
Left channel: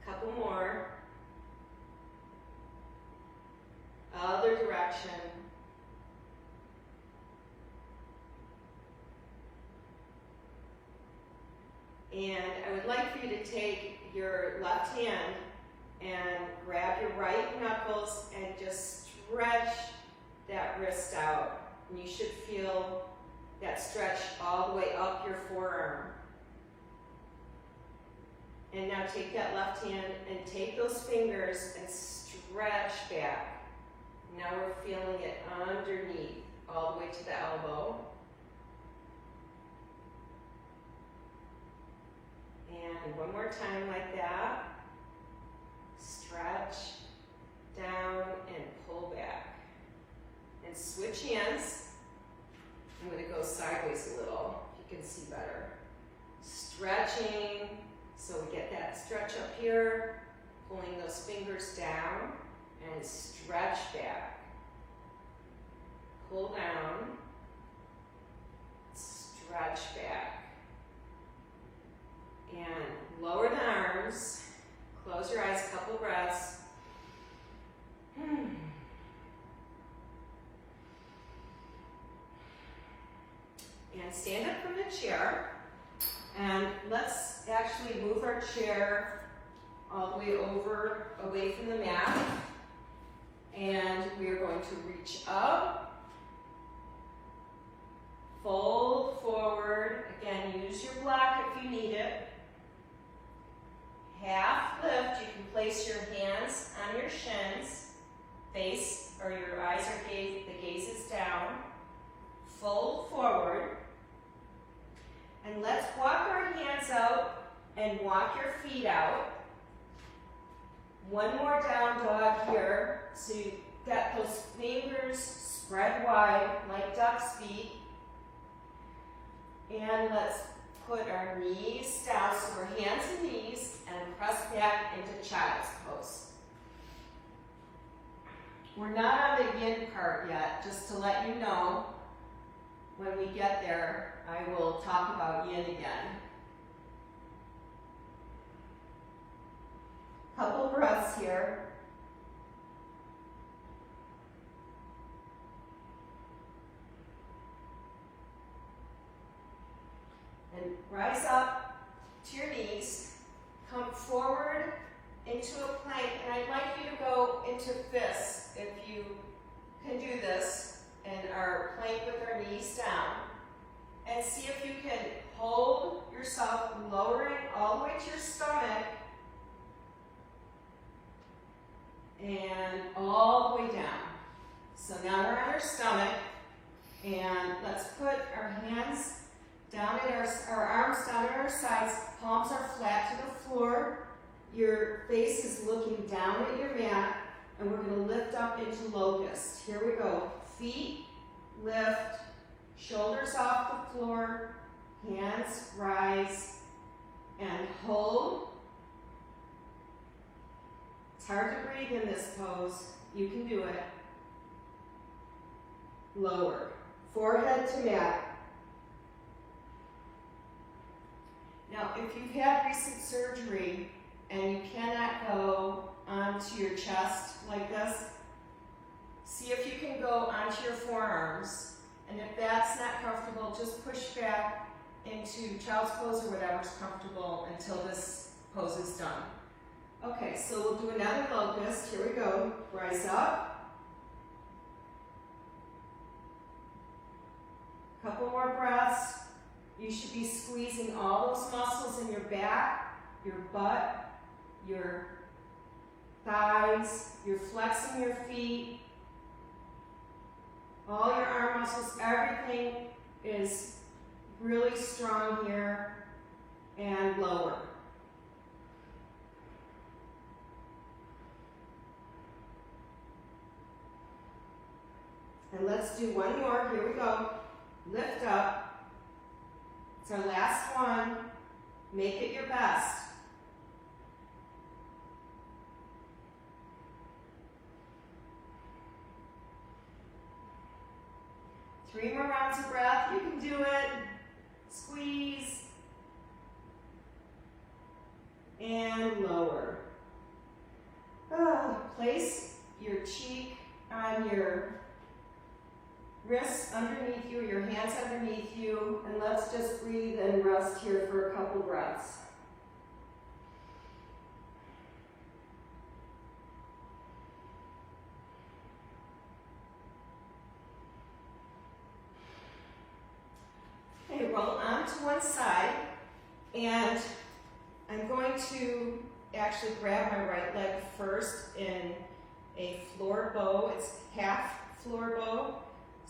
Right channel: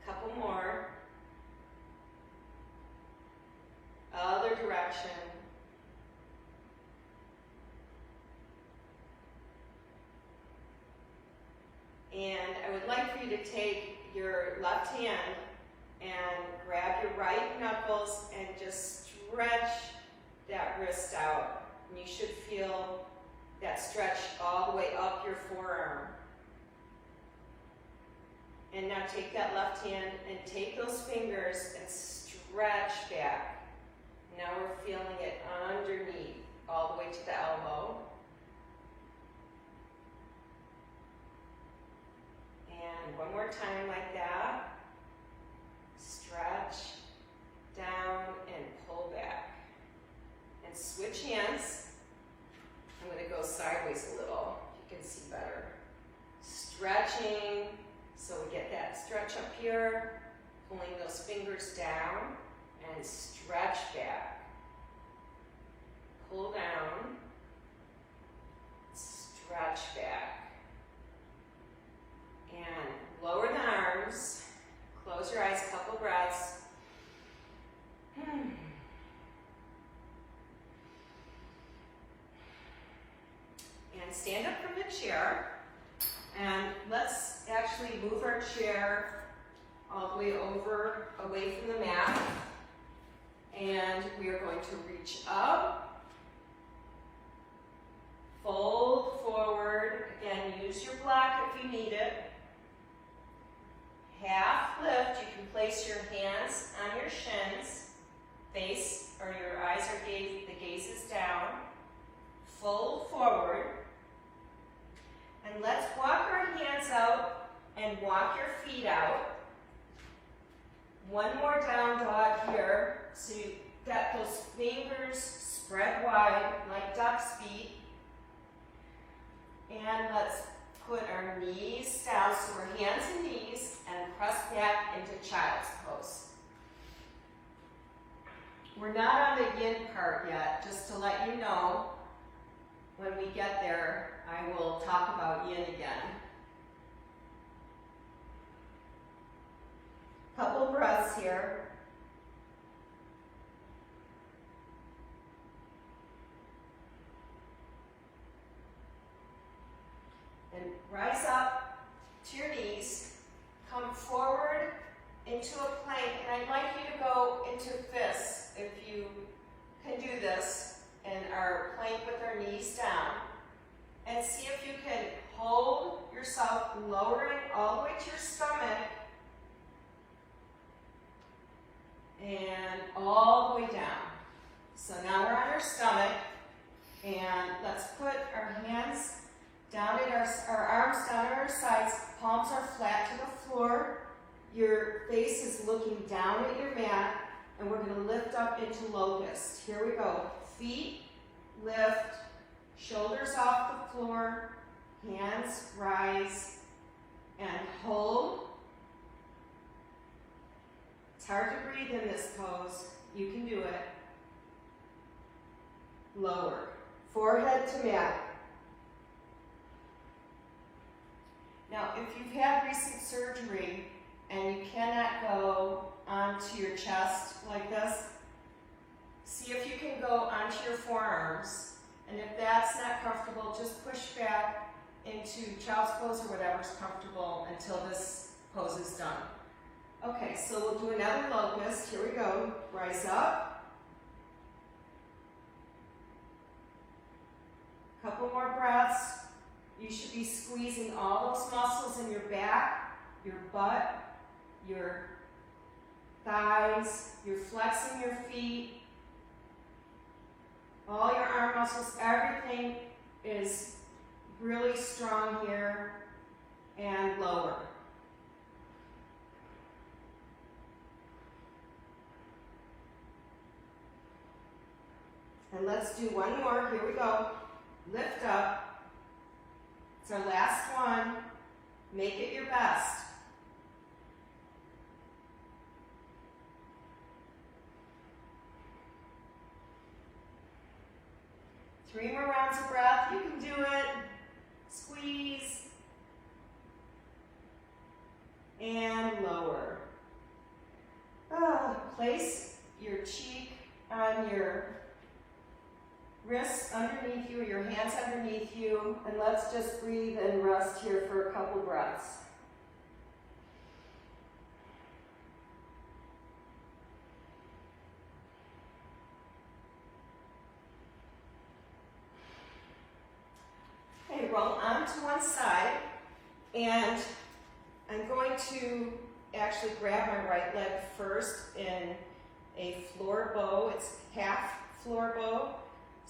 Couple more. Other direction. And I would like for you to take your left hand and grab your right knuckles and just stretch that wrist out. And you should feel that stretch all the way up your forearm. And now take that left hand and take those fingers and stretch back. Now we're feeling it underneath, all the way to the elbow. And one more time like that. Stretch, down, and pull back. And switch hands. I'm going to go sideways a little, you can see better. Stretching, so we get that stretch up here, pulling those fingers down, and stretch back. Pull down, stretch back. And lower the arms. Close your eyes, couple breaths. And stand up from the chair. And let's actually move our chair all the way over, away from the mat. And we are going to reach up, fold forward. Again, use your block if you need it. Half lift, you can place your hands on your shins, face, or your eyes are the gaze is down. Fold forward. And let's walk our hands out and walk your feet out. One more down dog here. So you got those fingers spread wide like duck's feet. And let's put our knees down, so we're hands and knees, and press back into child's pose. We're not on the yin part yet, just to let you know, when we get there, I will talk about yin again. Couple breaths here. And rise up to your knees, come forward into a plank, and I'd like you to go into fists if you can do this. plank with our knees down. And see if you can hold yourself lowering all the way to your stomach and all the way down. So now we're on our stomach, and let's put our hands down at our arms down at our sides, palms are flat to the floor. Your face is looking down at your mat, and we're going to lift up into locust. Here we go. Feet lift, shoulders off the floor, hands rise, and hold. It's hard to breathe in this pose. You can do it. Lower. Forehead to mat. Now, if you've had recent surgery and you cannot go onto your chest like this, see if you can go onto your forearms. And if that's not comfortable, just push back into child's pose or whatever's comfortable until this pose is done. Okay, so we'll do another locust. Here we go. Rise up. Couple more breaths. You should be squeezing all those muscles in your back, your butt, your thighs. You're flexing your feet. All your arm muscles, everything is really strong here, and lower. And let's do one more. Here we go. Lift up. It's our last one. Make it your best. Three more rounds of breath. You can do it. Squeeze. And lower. Place your cheek on your wrists underneath you, your hands underneath you, and let's just breathe and rest here for a couple breaths. Okay, roll onto one side, and I'm going to actually grab my right leg first in a floor bow. It's half floor bow.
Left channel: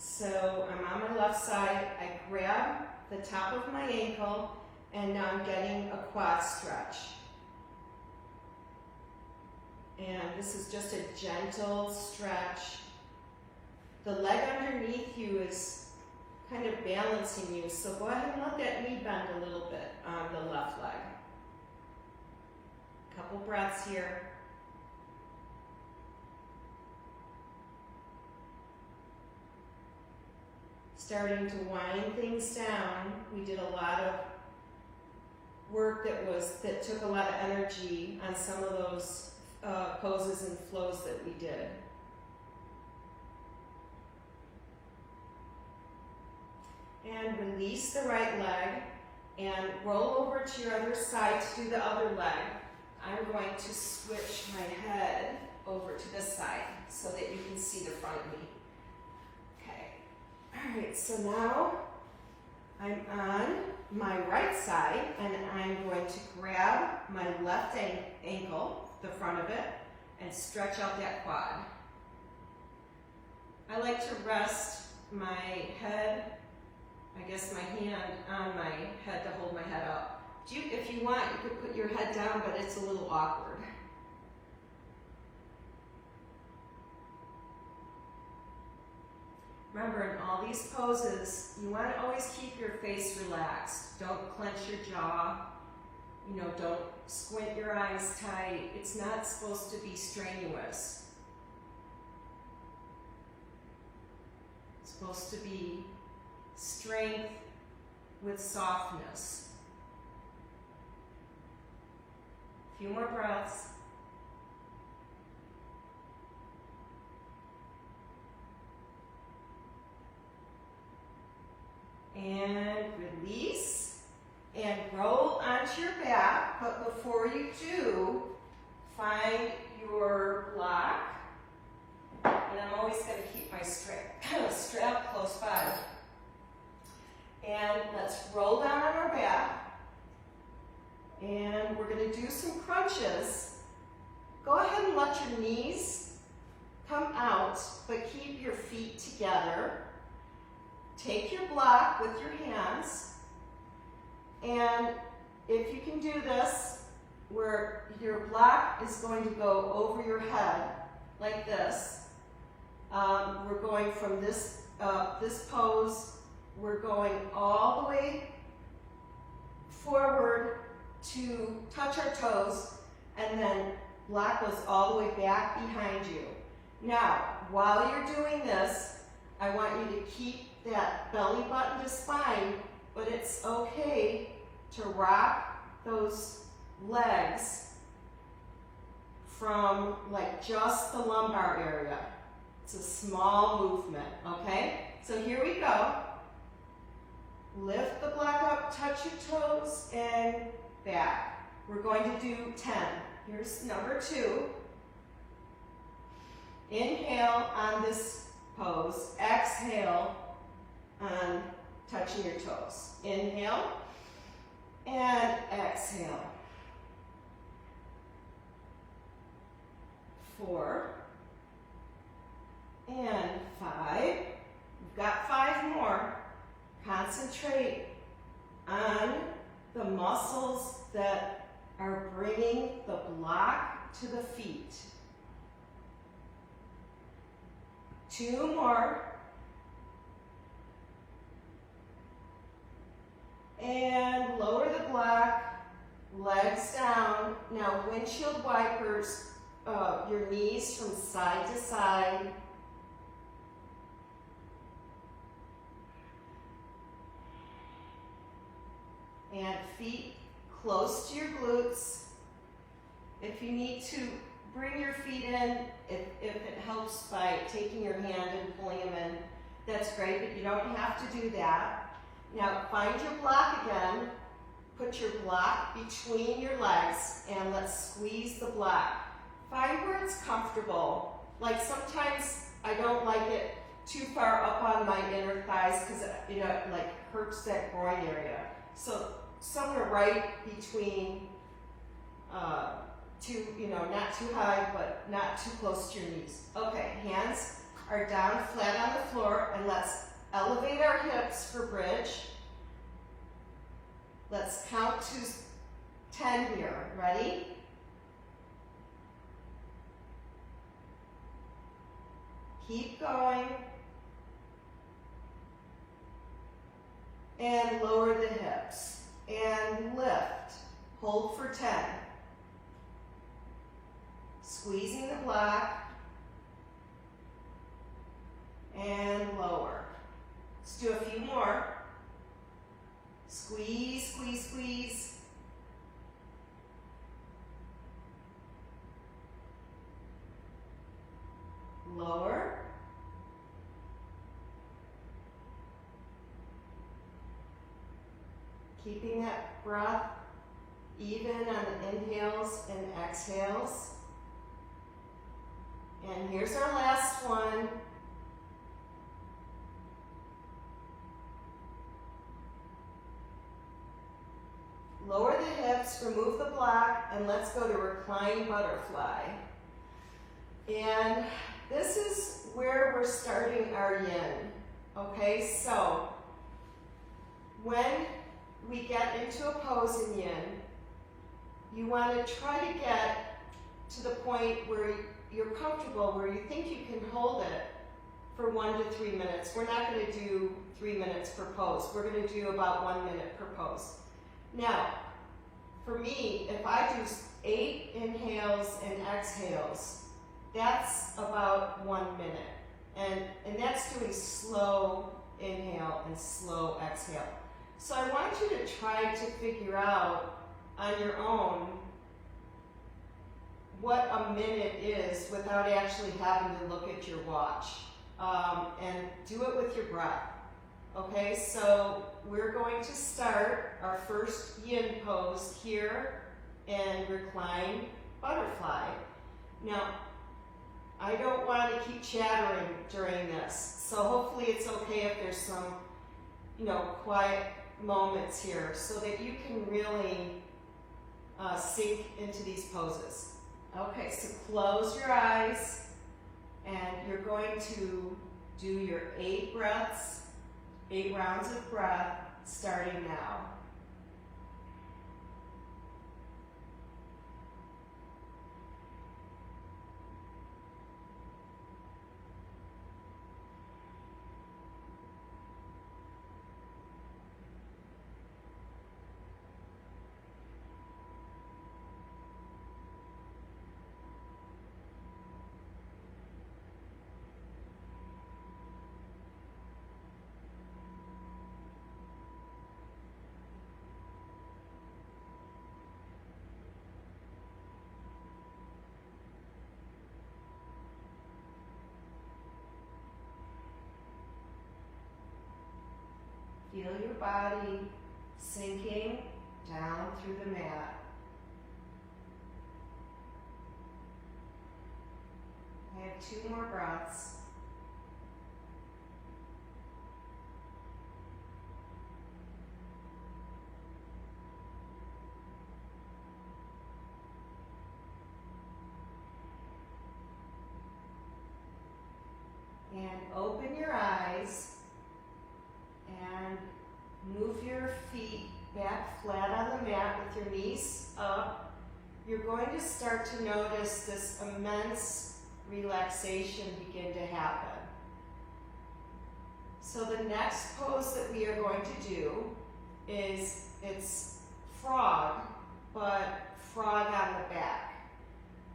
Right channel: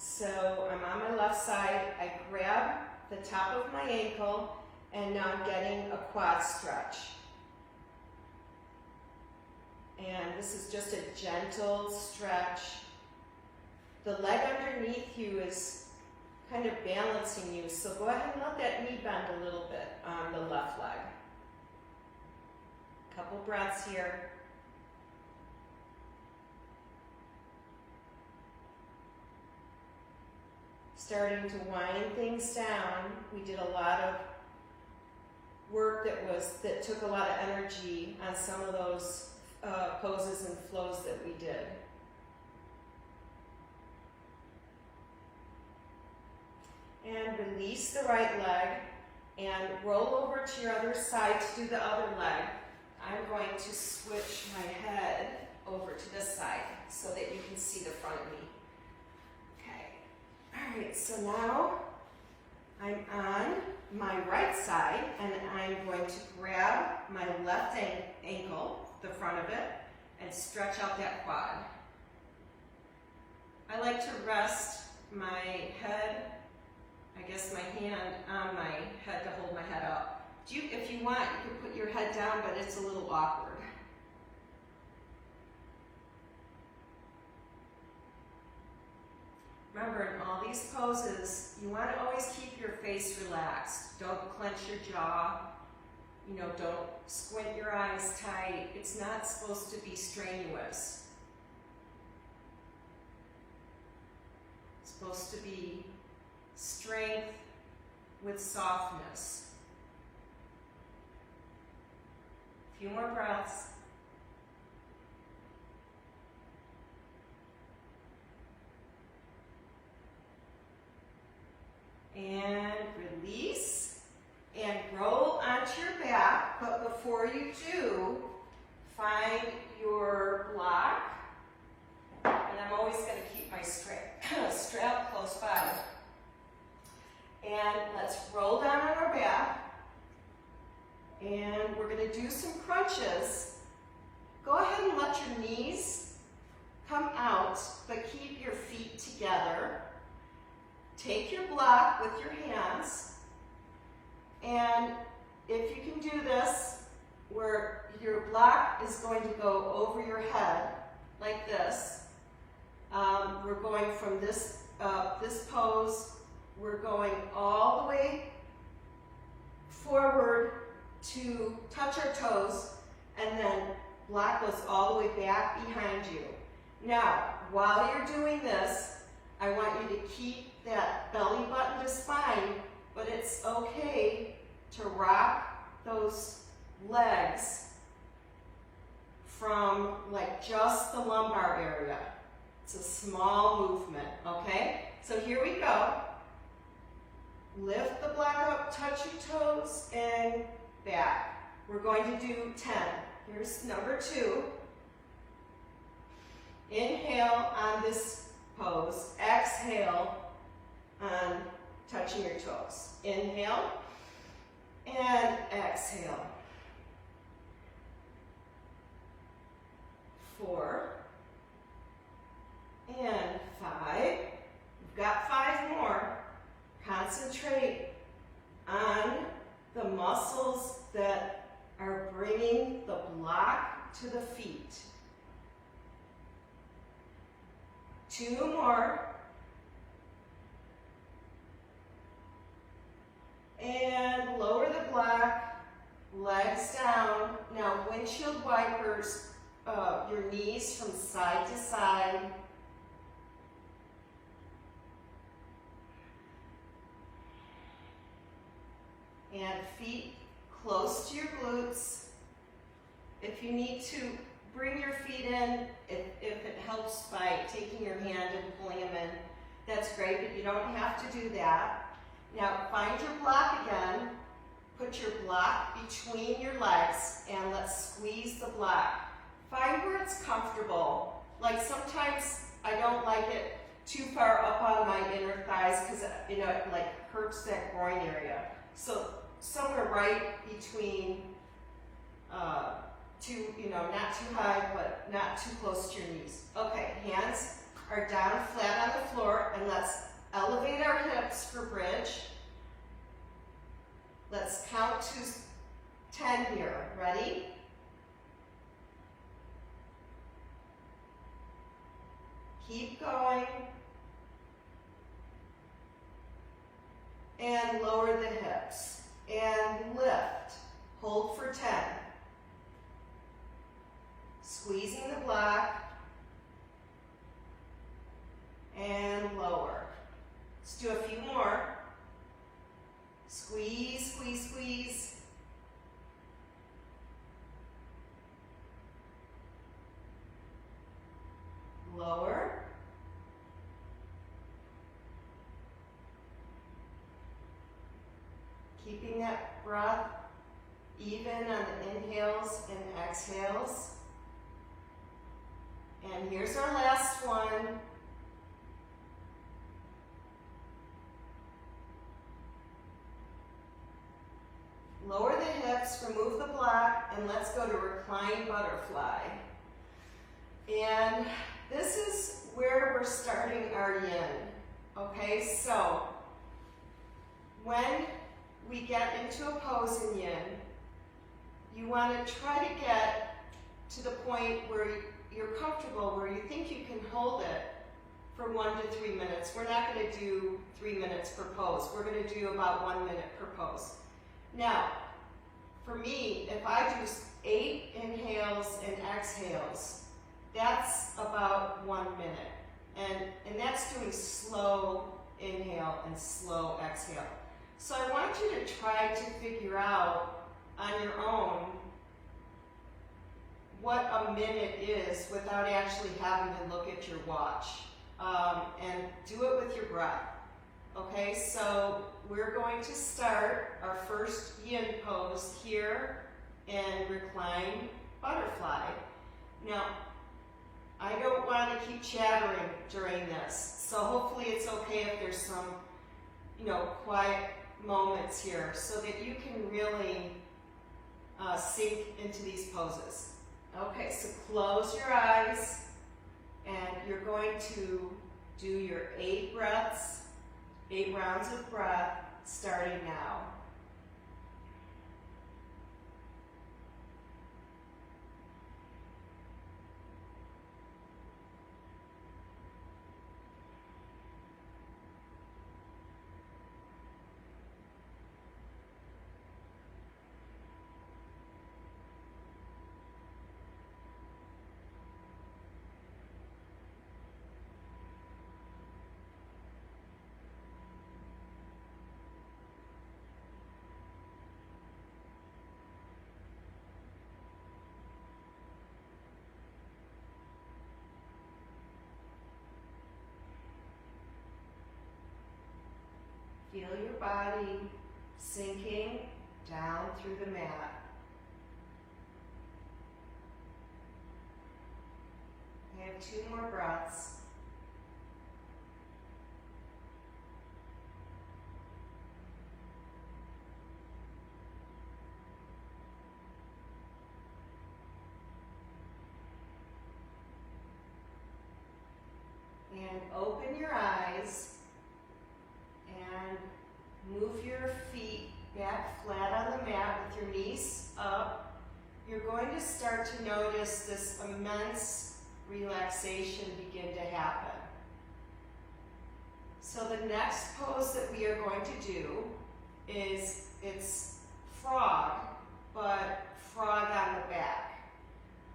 So I'm on my left side, I grab the top of my ankle, and now I'm getting a quad stretch. And this is just a gentle stretch. The leg underneath you is kind of balancing you, so go ahead and let that knee bend a little bit on the left leg. Couple breaths here. Starting to wind things down. We did a lot of work that took a lot of energy on some of those poses and flows that we did. And release the right leg and roll over to your other side to the other leg. I'm going to switch my head over to this side so that you can see the front of me. All right, so now I'm on my right side, and I'm going to grab my left ankle, the front of it, and stretch out that quad. I like to rest my head, I guess my hand on my head to hold my head up. If you want, you could put your head down, but it's a little awkward. Remember, in all these poses, you want to always keep your face relaxed. Don't clench your jaw. Don't squint your eyes tight. It's not supposed to be strenuous. It's supposed to be strength with softness. A few more breaths. And release, and roll onto your back, but before you do, find your block, and I'm always going to keep my strap close by. to do some crunches. Go ahead and let your knees come out, but keep your feet together. Take your block with your hands, and if you can do this, where your block is going to go over your head like this. We're going from this pose, we're going all the way forward to touch our toes, and then block goes all the way back behind you. Now, while you're doing this, I want you to keep that belly button to spine, but it's okay to rock those legs from like just the lumbar area. It's a small movement, okay? So here we go. Lift the block up, touch your toes, and back. We're going to do 10. Here's number 2. Inhale on this pose. Exhale on touching your toes. Inhale and exhale. 4 and 5. We've got 5 more. Concentrate on the muscles that are bringing the block to the feet. 2 more. And lower the block, legs down. Now, windshield wipers, your knees from side to side. And feet close to your glutes. If you need to bring your feet in, if it helps by taking your hand and pulling them in, that's great, but you don't have to do that. Now find your block again, put your block between your legs, and let's squeeze the block. Find where it's comfortable. Like sometimes I don't like it too far up on my inner thighs because it like hurts that groin area. So somewhere right between not too high, but not too close to your knees. Okay, hands are down flat on the floor, and let's elevate our hips for bridge. Let's count to 10 here. Ready? Keep going. And lower the hips. And lift. Hold for 10. Squeezing the block. And lower. Let's do a few more. Squeeze, squeeze, squeeze. Lower. Keeping that breath even on the inhales and exhales. And here's our last one. Lower the hips, remove the block, and let's go to Recline Butterfly. And this is where we're starting our yin. Okay, so when we get into a pose in yin, you want to try to get to the point where you're comfortable, where you think you can hold it for 1 to 3 minutes. We're not going to do 3 minutes per pose. We're going to do about 1 minute per pose. Now, for me, if I do 8 inhales and exhales, that's about 1 minute. And that's doing slow inhale and slow exhale. So I want you to try to figure out on your own what a minute is without actually having to look at your watch. And do it with your breath. Okay, so we're going to start our first yin pose here in Recline Butterfly. Now, I don't want to keep chattering during this, so hopefully it's okay if there's some, quiet moments here so that you can really sink into these poses. Okay, so close your eyes, and you're going to do your 8 breaths, 8 rounds of breath, starting now. Feel your body sinking down through the mat. I have 2 more breaths. And open your eyes. And move your feet back flat on the mat with your knees up. You're going to start to notice this immense relaxation begin to happen. So the next pose that we are going to do is, it's frog, but frog on the back.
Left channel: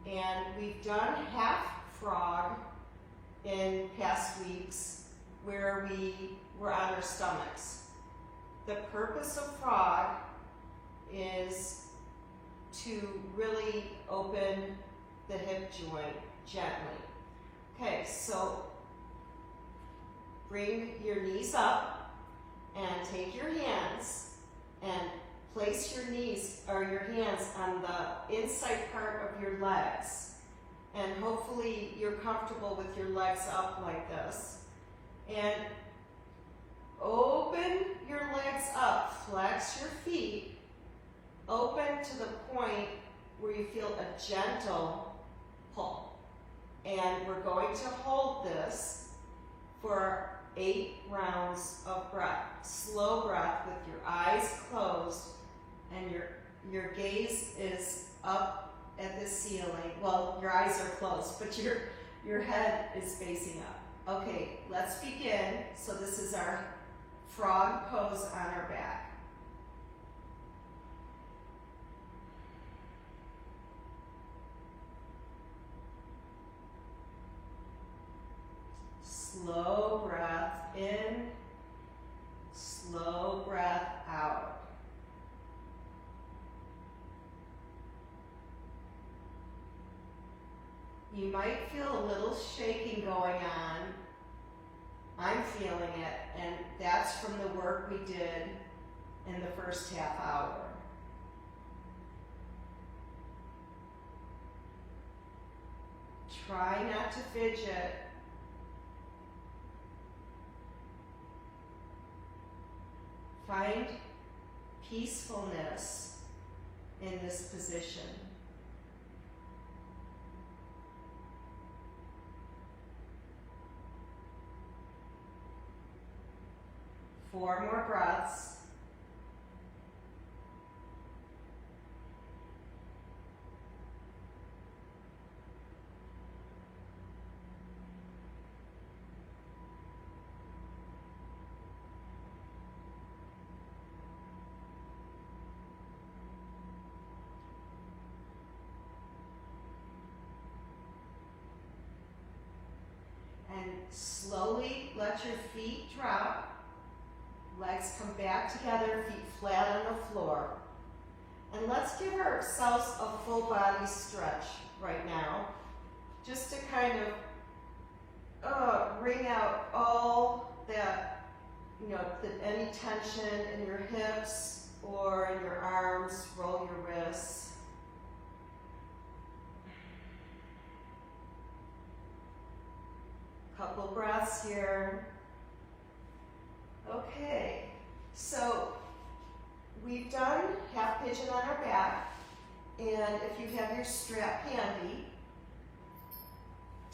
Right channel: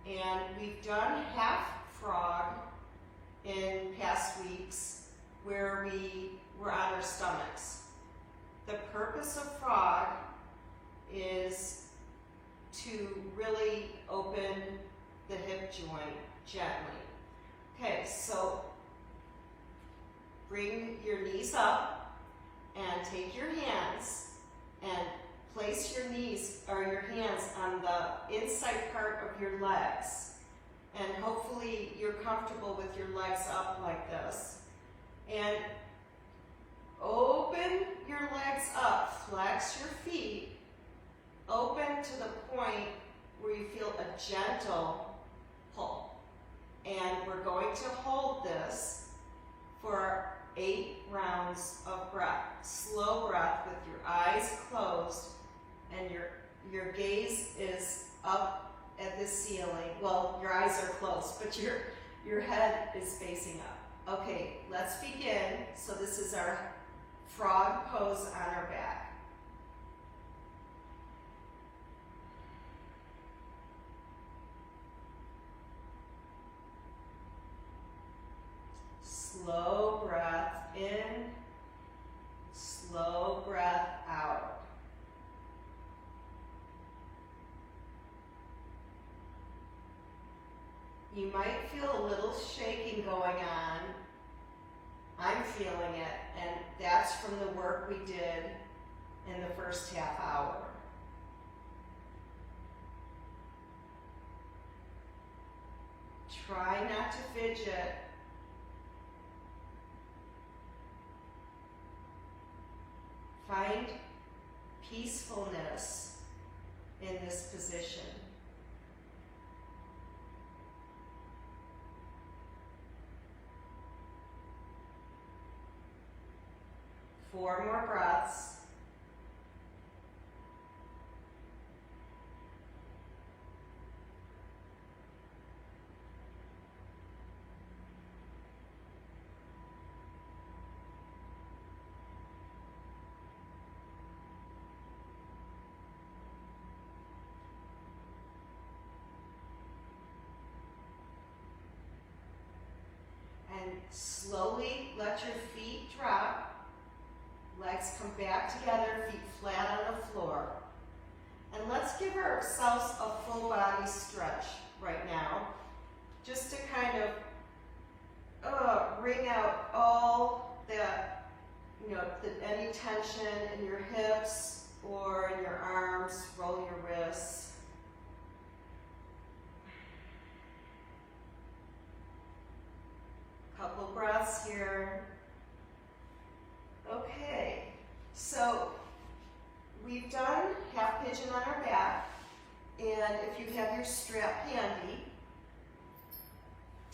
And we've done half frog in past weeks where we were on our stomachs. The purpose of frog is to really open the hip joint gently. Okay, so bring your knees up and take your hands and place your knees or your hands on the inside part of your legs. And hopefully you're comfortable with your legs up like this. And open your legs up, flex your feet, open to the point where you feel a gentle pull. And we're going to hold this for 8 rounds of breath. Slow breath with your eyes closed and your gaze is up at the ceiling. Well, your eyes are closed, but your head is facing up. Okay, let's begin. So this is our frog pose on our back. Slow breath in, slow breath out. You might feel a little shaking going on. I'm feeling it, and that's from the work we did in the first half hour. Try not to fidget. Find peacefulness in this position. Four more breaths. And slowly let your feet drop. Legs come back together, feet flat on the floor. And let's give ourselves a full body stretch right now, just to kind of wring out all that, any tension in your hips or in your arms, roll your wrists. Couple breaths here. Okay, so we've done half pigeon on our back. And if you have your strap handy,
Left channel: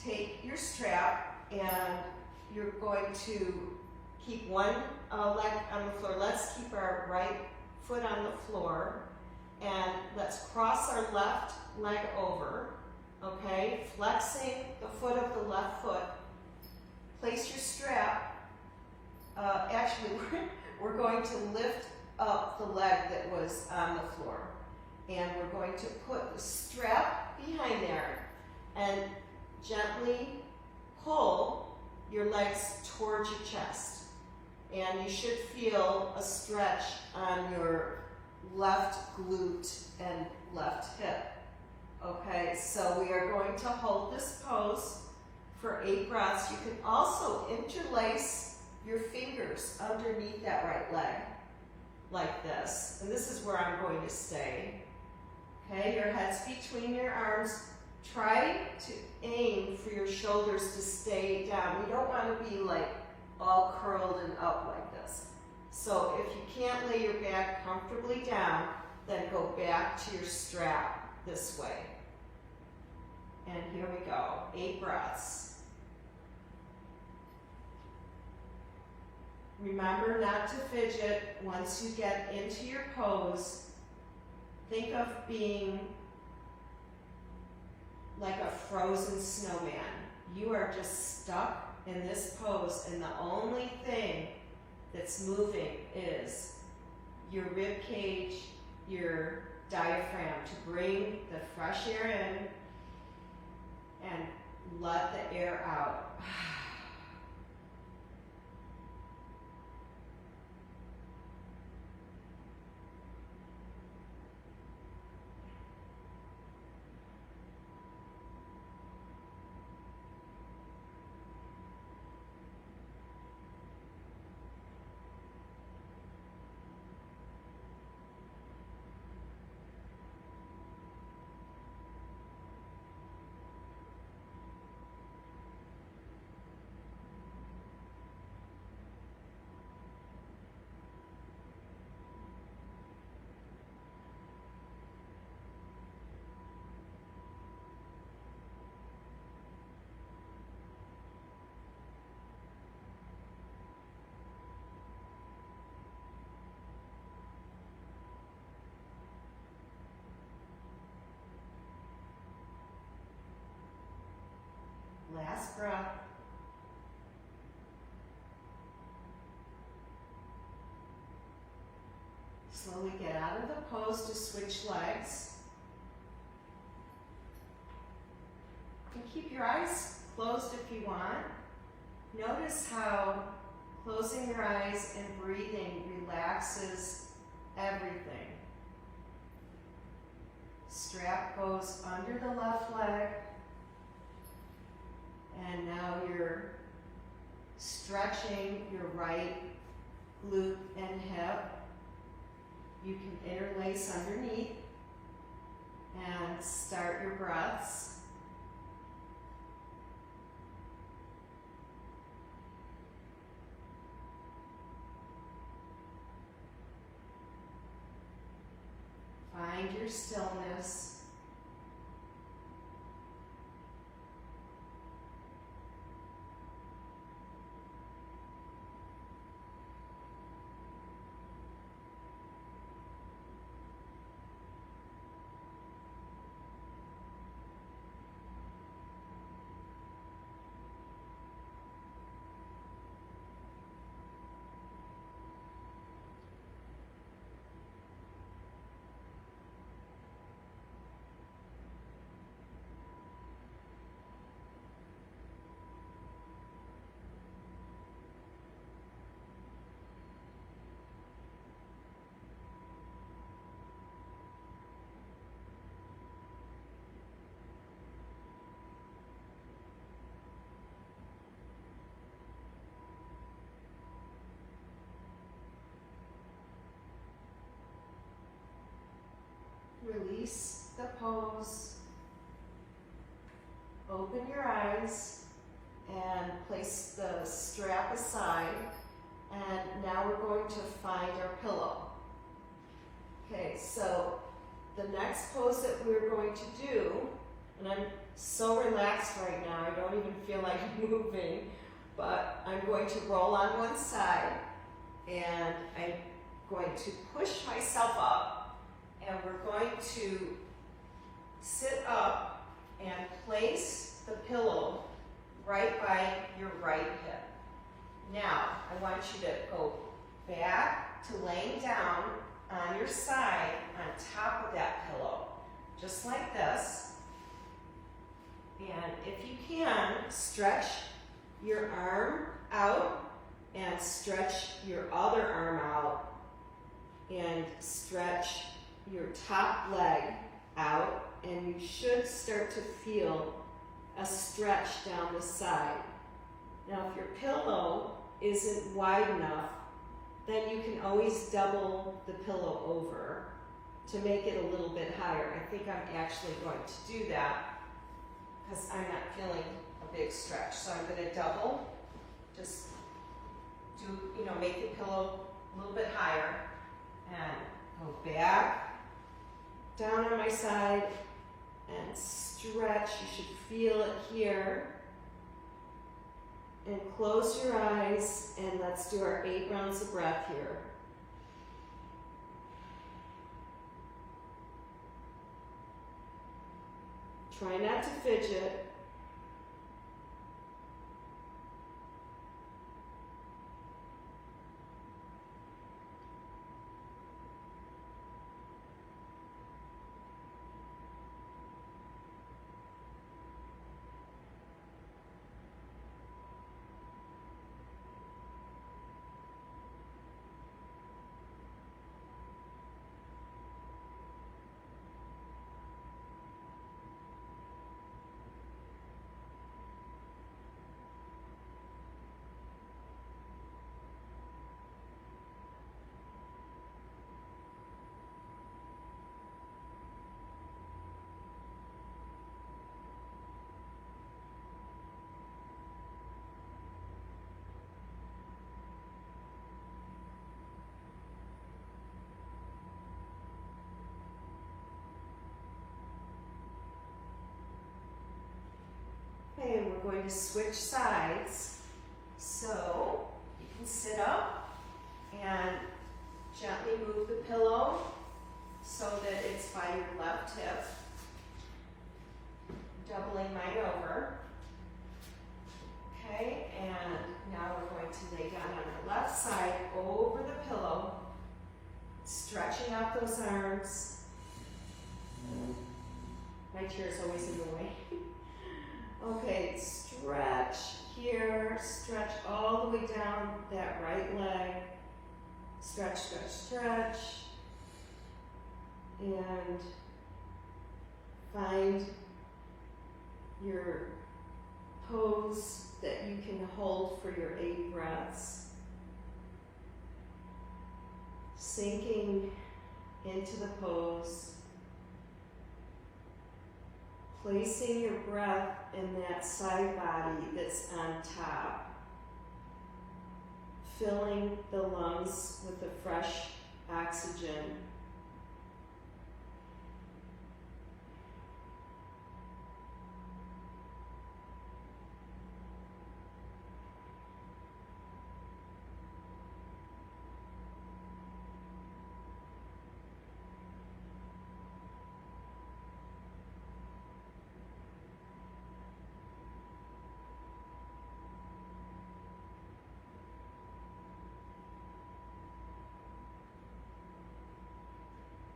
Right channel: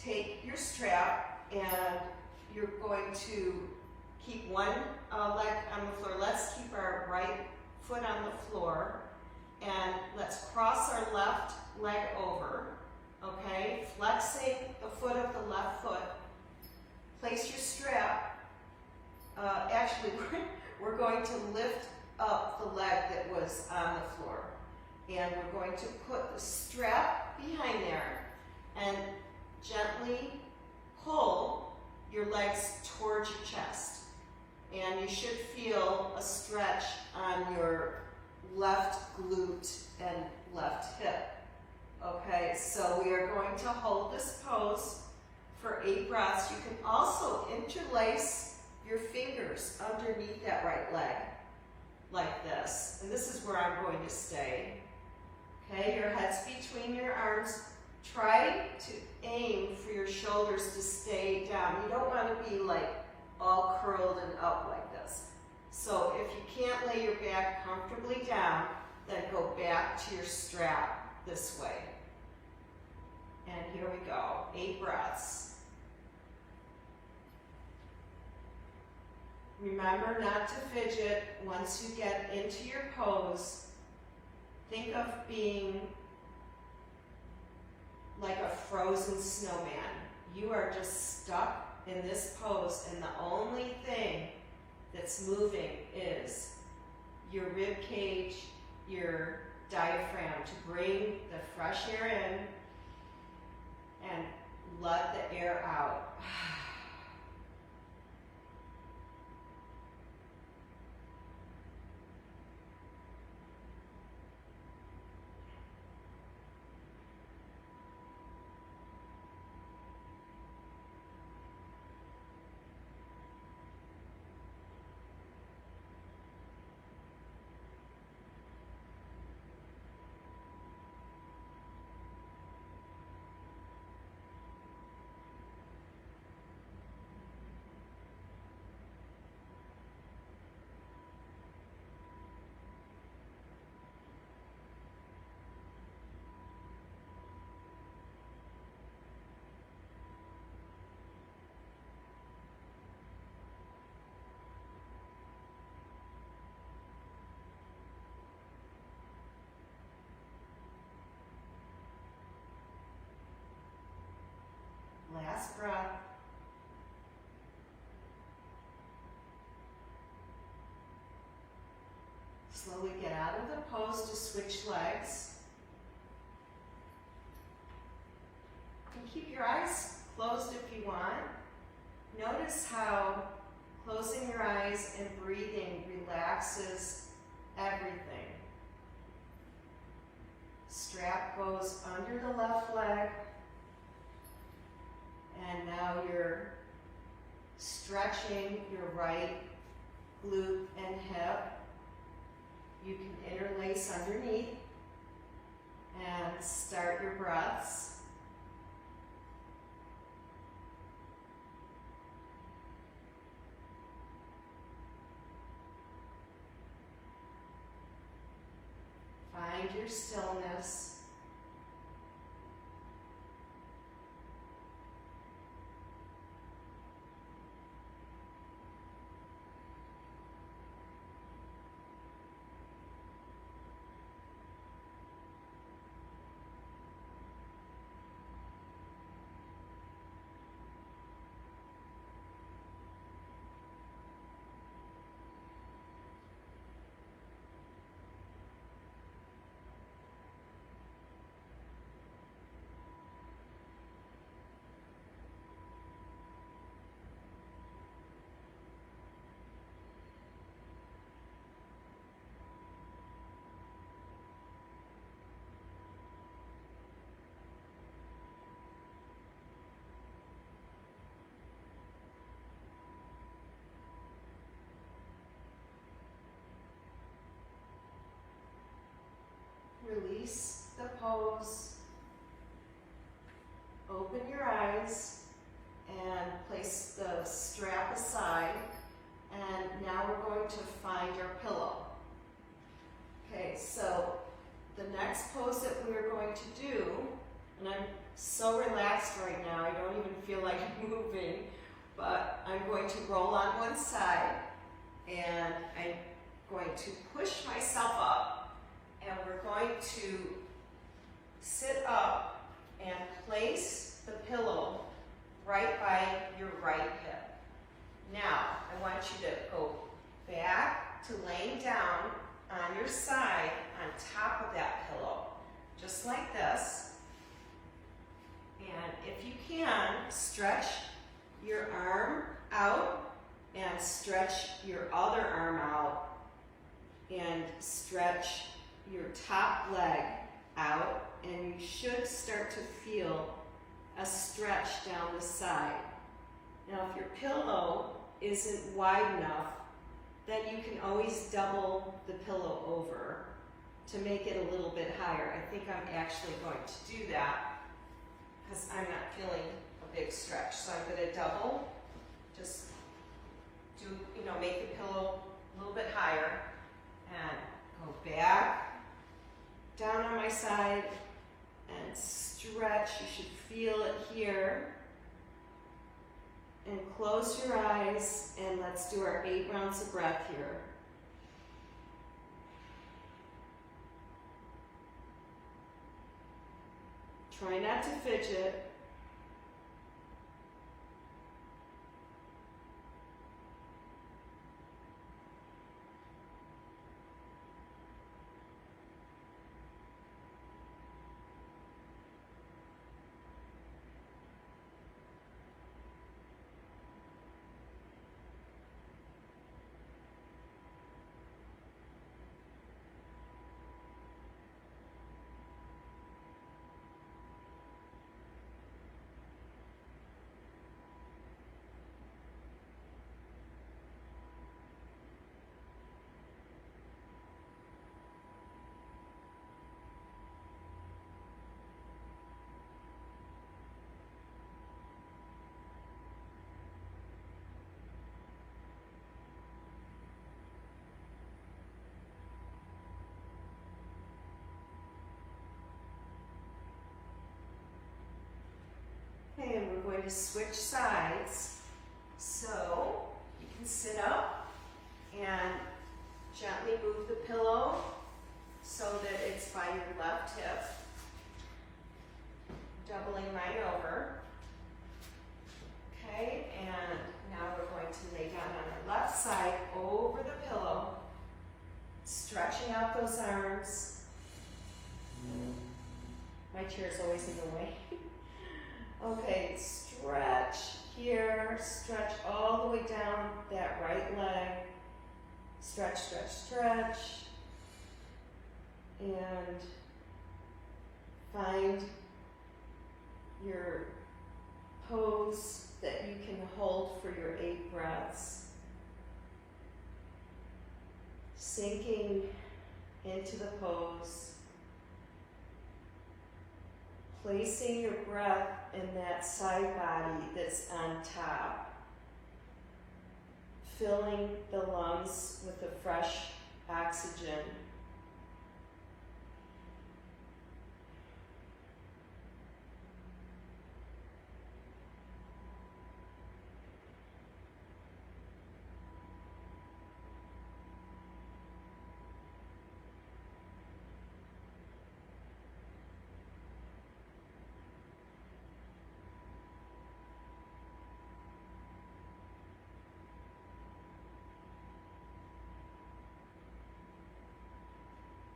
take your strap and you're going to keep one leg on the floor. Let's keep our right foot on the floor and let's cross our left leg over, okay? Flexing the foot of the left foot. Place your strap. Actually, we're going to lift up the leg that was on the floor. And we're going to put the strap behind there and gently pull your legs towards your chest. And you should feel a stretch on your left glute and left hip. Okay, so we are going to hold this pose for 8 breaths. You can also interlace your fingers underneath that right leg like this. And this is where I'm going to stay. Okay, your head's between your arms. Try to aim for your shoulders to stay down. You don't want to be like all curled and up like this. So if you can't lay your back comfortably down, then go back to your strap this way. And here we go, 8 breaths. Remember not to fidget once you get into your pose. Think of being like a frozen snowman. You are just stuck in this pose, and the only thing that's moving is your rib cage, your diaphragm, to bring the fresh air in and let the air out. Last breath. Slowly get out of the pose to switch legs. And keep your eyes closed if you want. Notice how closing your eyes and breathing relaxes everything. Strap goes under the left leg. And now you're stretching your right glute and hip. You can interlace underneath and start your breaths. Find your stillness. Release the pose. Open your eyes and place the strap aside. And now we're going to find our pillow. Okay, so the next pose that we're going to do, and I'm so relaxed right now, I don't even feel like moving, but I'm going to roll on one side, and I'm going to push myself up, and we're going to sit up and place the pillow right by your right hip. Now, I want you to go back to laying down on your side on top of that pillow, just like this. And if you can, stretch your arm out and stretch your other arm out and stretch your top leg out, and you should start to feel a stretch down the side. Now, if your pillow isn't wide enough, then you can always double the pillow over to make it a little bit higher. I think I'm actually going to do that because I'm not feeling a big stretch. So I'm going to double, just do, make the pillow a little bit higher and go back, down on my side and stretch. You should feel it here. And close your eyes, and let's do our 8 rounds of breath here. Try not to fidget. Okay, and we're going to switch sides. So you can sit up and gently move the pillow so that it's by your left hip. Doubling mine over. Okay, and now we're going to lay down on our left side over the pillow, stretching out those arms. My chair's always in the way. Okay, stretch here, stretch all the way down that right leg. Stretch, stretch, stretch. And find your pose that you can hold for your 8 breaths. Sinking into the pose. Placing your breath in that side body that's on top. Filling the lungs with the fresh oxygen.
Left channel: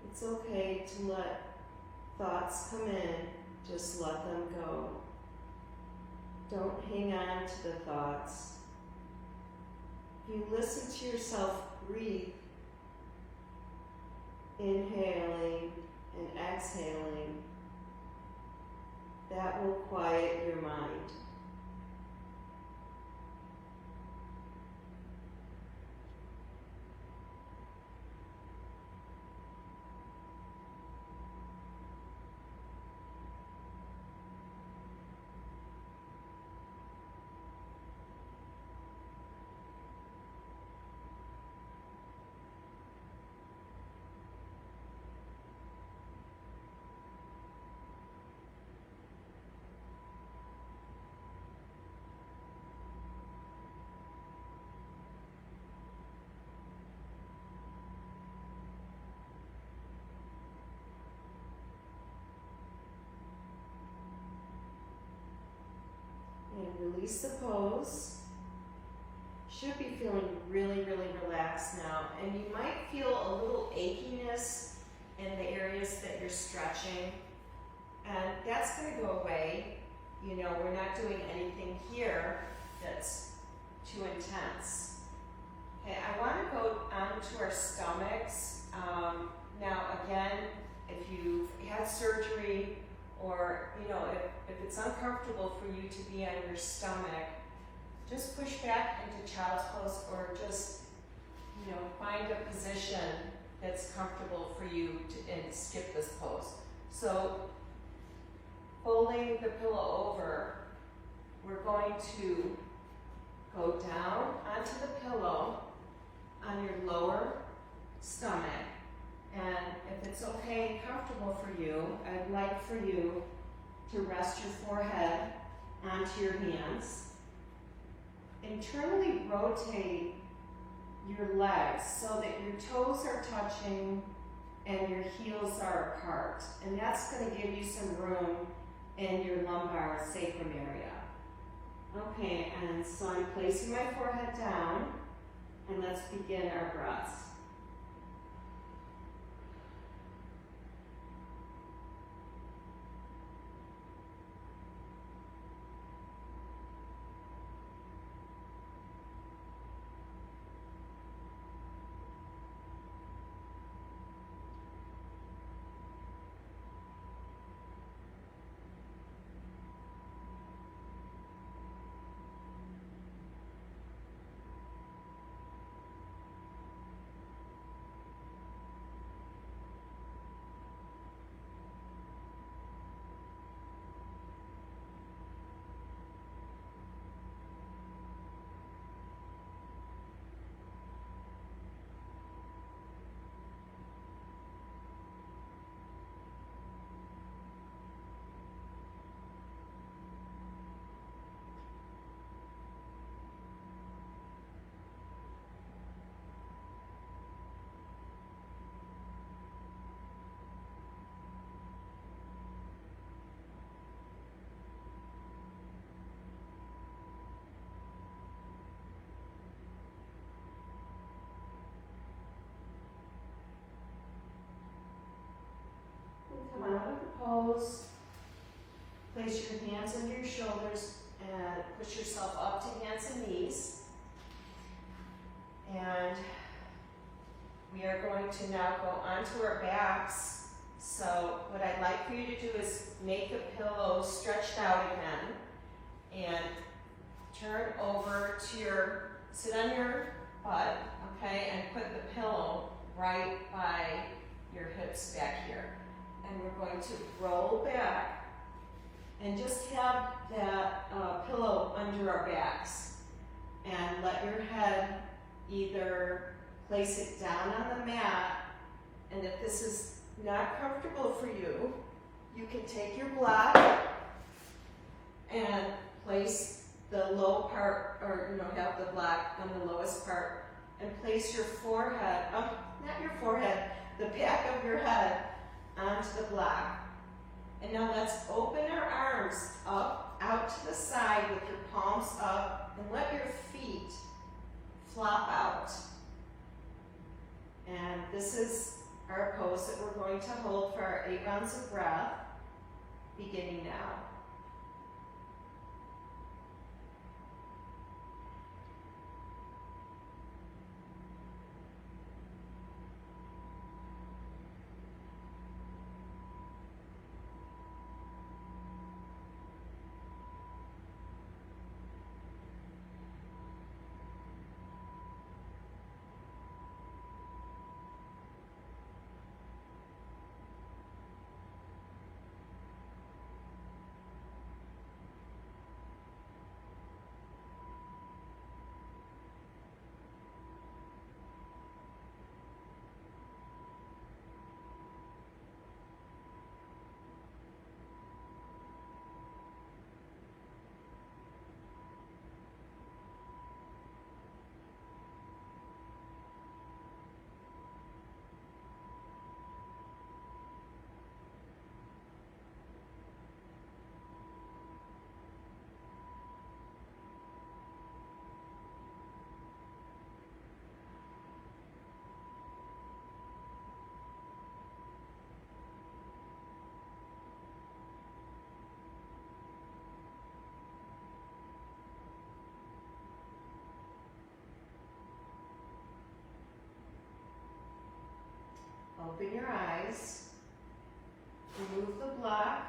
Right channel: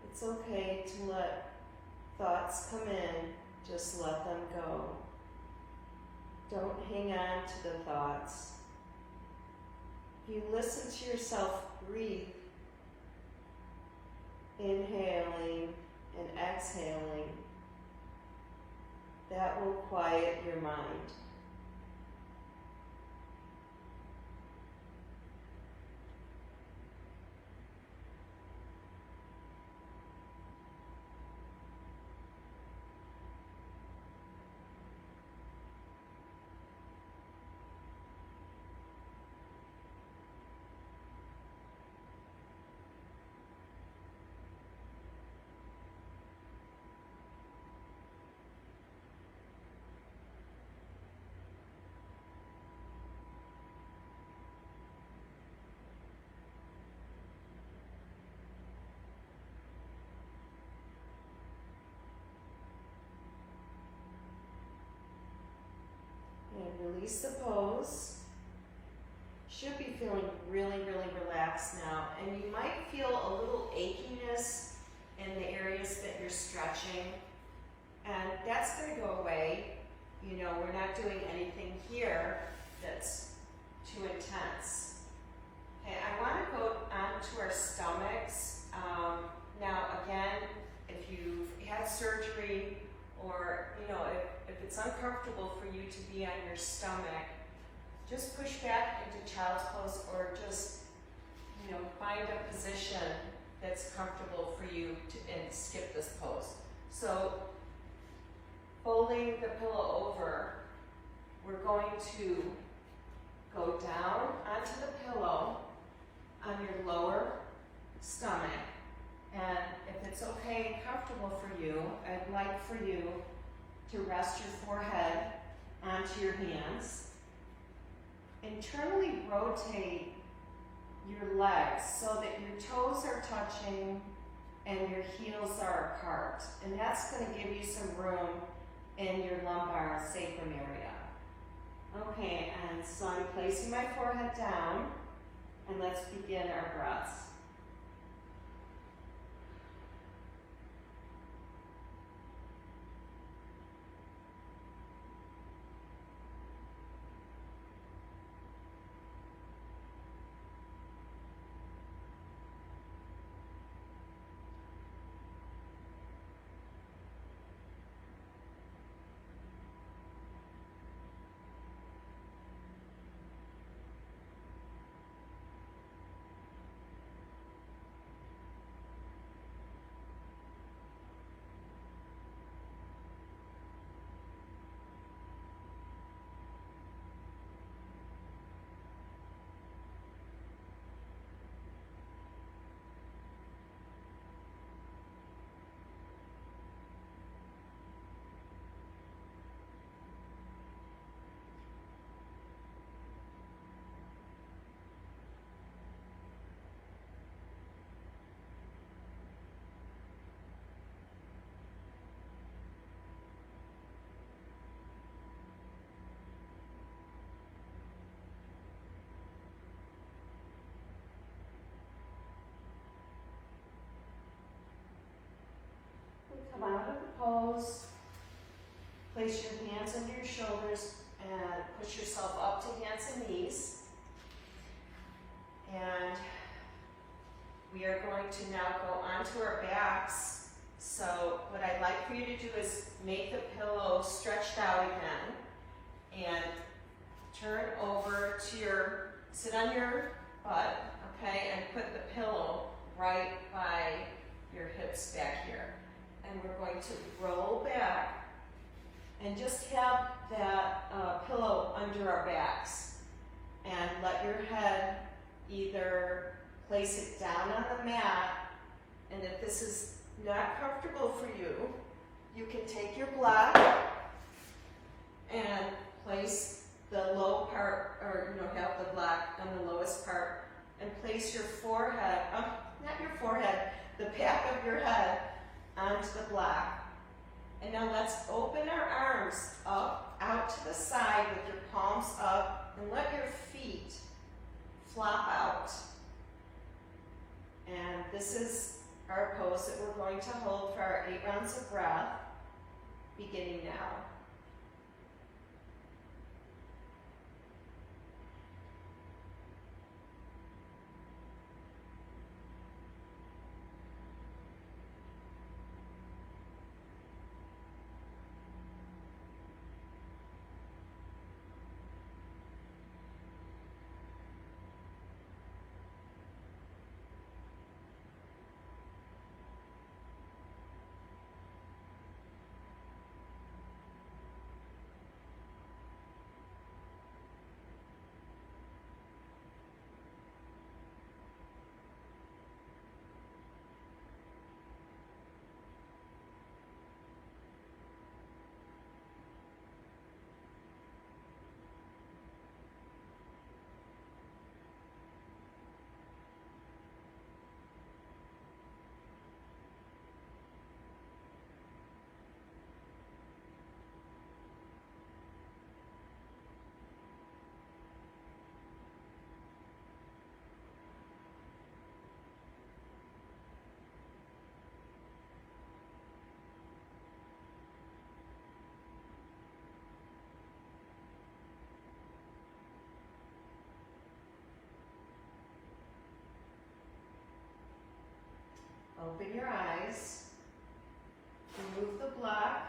It's okay to let thoughts come in, just let them go. Don't hang on to the thoughts. You listen to yourself breathe, inhaling and exhaling. That will quiet your mind. release the pose. Should be feeling really, really relaxed now. And you might feel a little achiness in the areas that you're stretching. And that's going to go away. You know, we're not doing anything here that's too intense. Okay, I want to go onto our stomachs. Now again, if you've had surgery or, you know, if it's uncomfortable for you to be on your stomach, just push back into child's pose or just, you know, find a position that's comfortable for you and skip this pose. So folding the pillow over, we're going to go down onto the pillow on your lower stomach. And if it's okay and comfortable for you, I'd like for you to rest your forehead onto your hands. Internally rotate your legs so that your toes are touching and your heels are apart. And that's going to give you some room in your lumbar sacrum area. Okay, and so I'm placing my forehead down, and let's begin our breaths. Come out of the pose, place your hands under your shoulders and push yourself up to hands and knees. And we are going to now go onto our backs. So what I'd like for you to do is make the pillow stretched out again and turn over to sit on your butt, okay, and put the pillow right by your hips back here. And we're going to roll back and just have that pillow under our backs. And let your head either place it down on the mat, and if this is not comfortable for you, you can take your block and place the low part, or have the block on the lowest part, and place your forehead, not your forehead, the back of your head onto the block. And now let's open our arms up, out to the side with your palms up, and let your feet flop out. And this is our pose that we're going to hold for our 8 rounds of breath, beginning now. Open your eyes. Remove the block.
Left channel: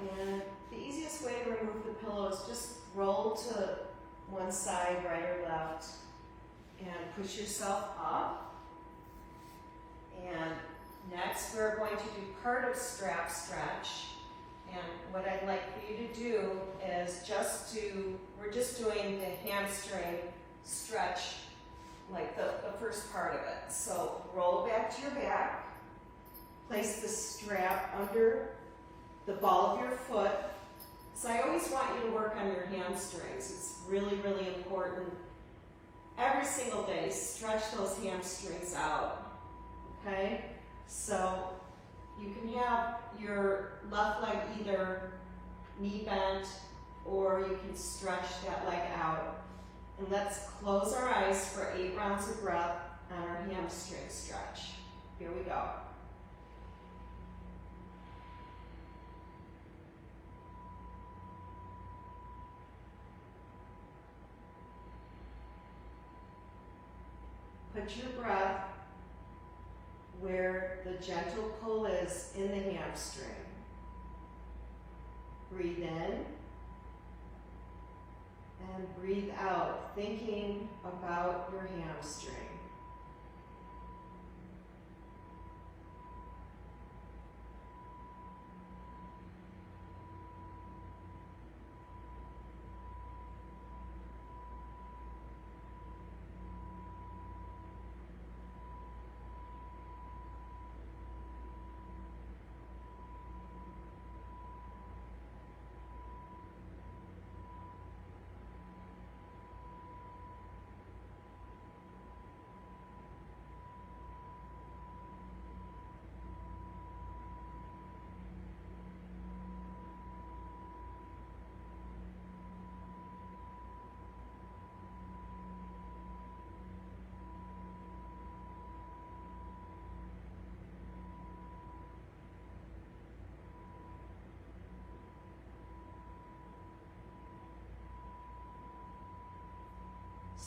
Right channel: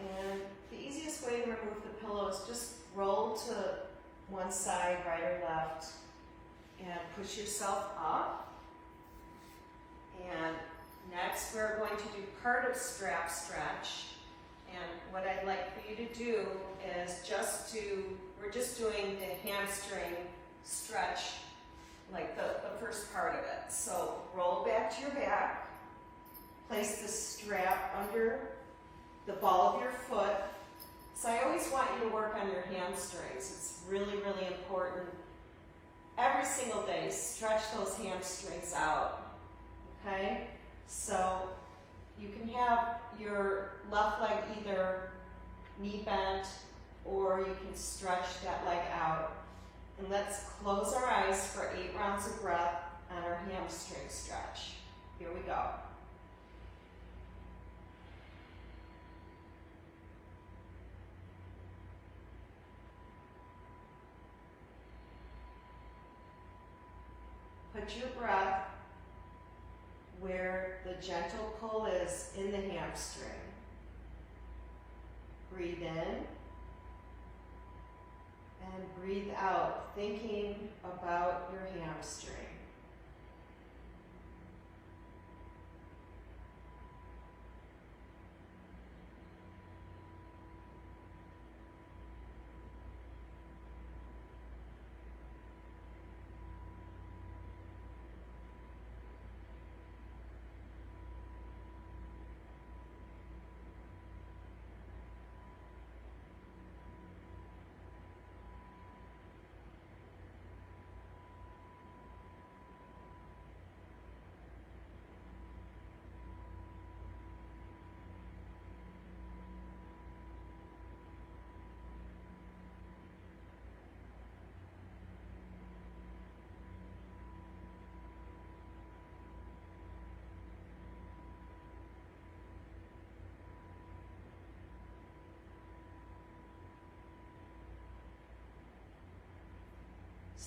And the easiest way to remove the pillow is just roll to one side, right or left, and push yourself up. And next we're going to do part of strap stretch. And what I'd like for you to do is we're just doing the hamstring stretch, like the first part of it. So roll back to your back, place the strap under the ball of your foot. So I always want you to work on your hamstrings. It's really, really important. Every single day, stretch those hamstrings out, okay? So you can have your left leg either knee bent or you can stretch that leg out. And let's close our eyes for 8 rounds of breath on our hamstring stretch. Here we go. Put your breath where the gentle pull is in the hamstring. Breathe in and breathe out, thinking about your hamstring.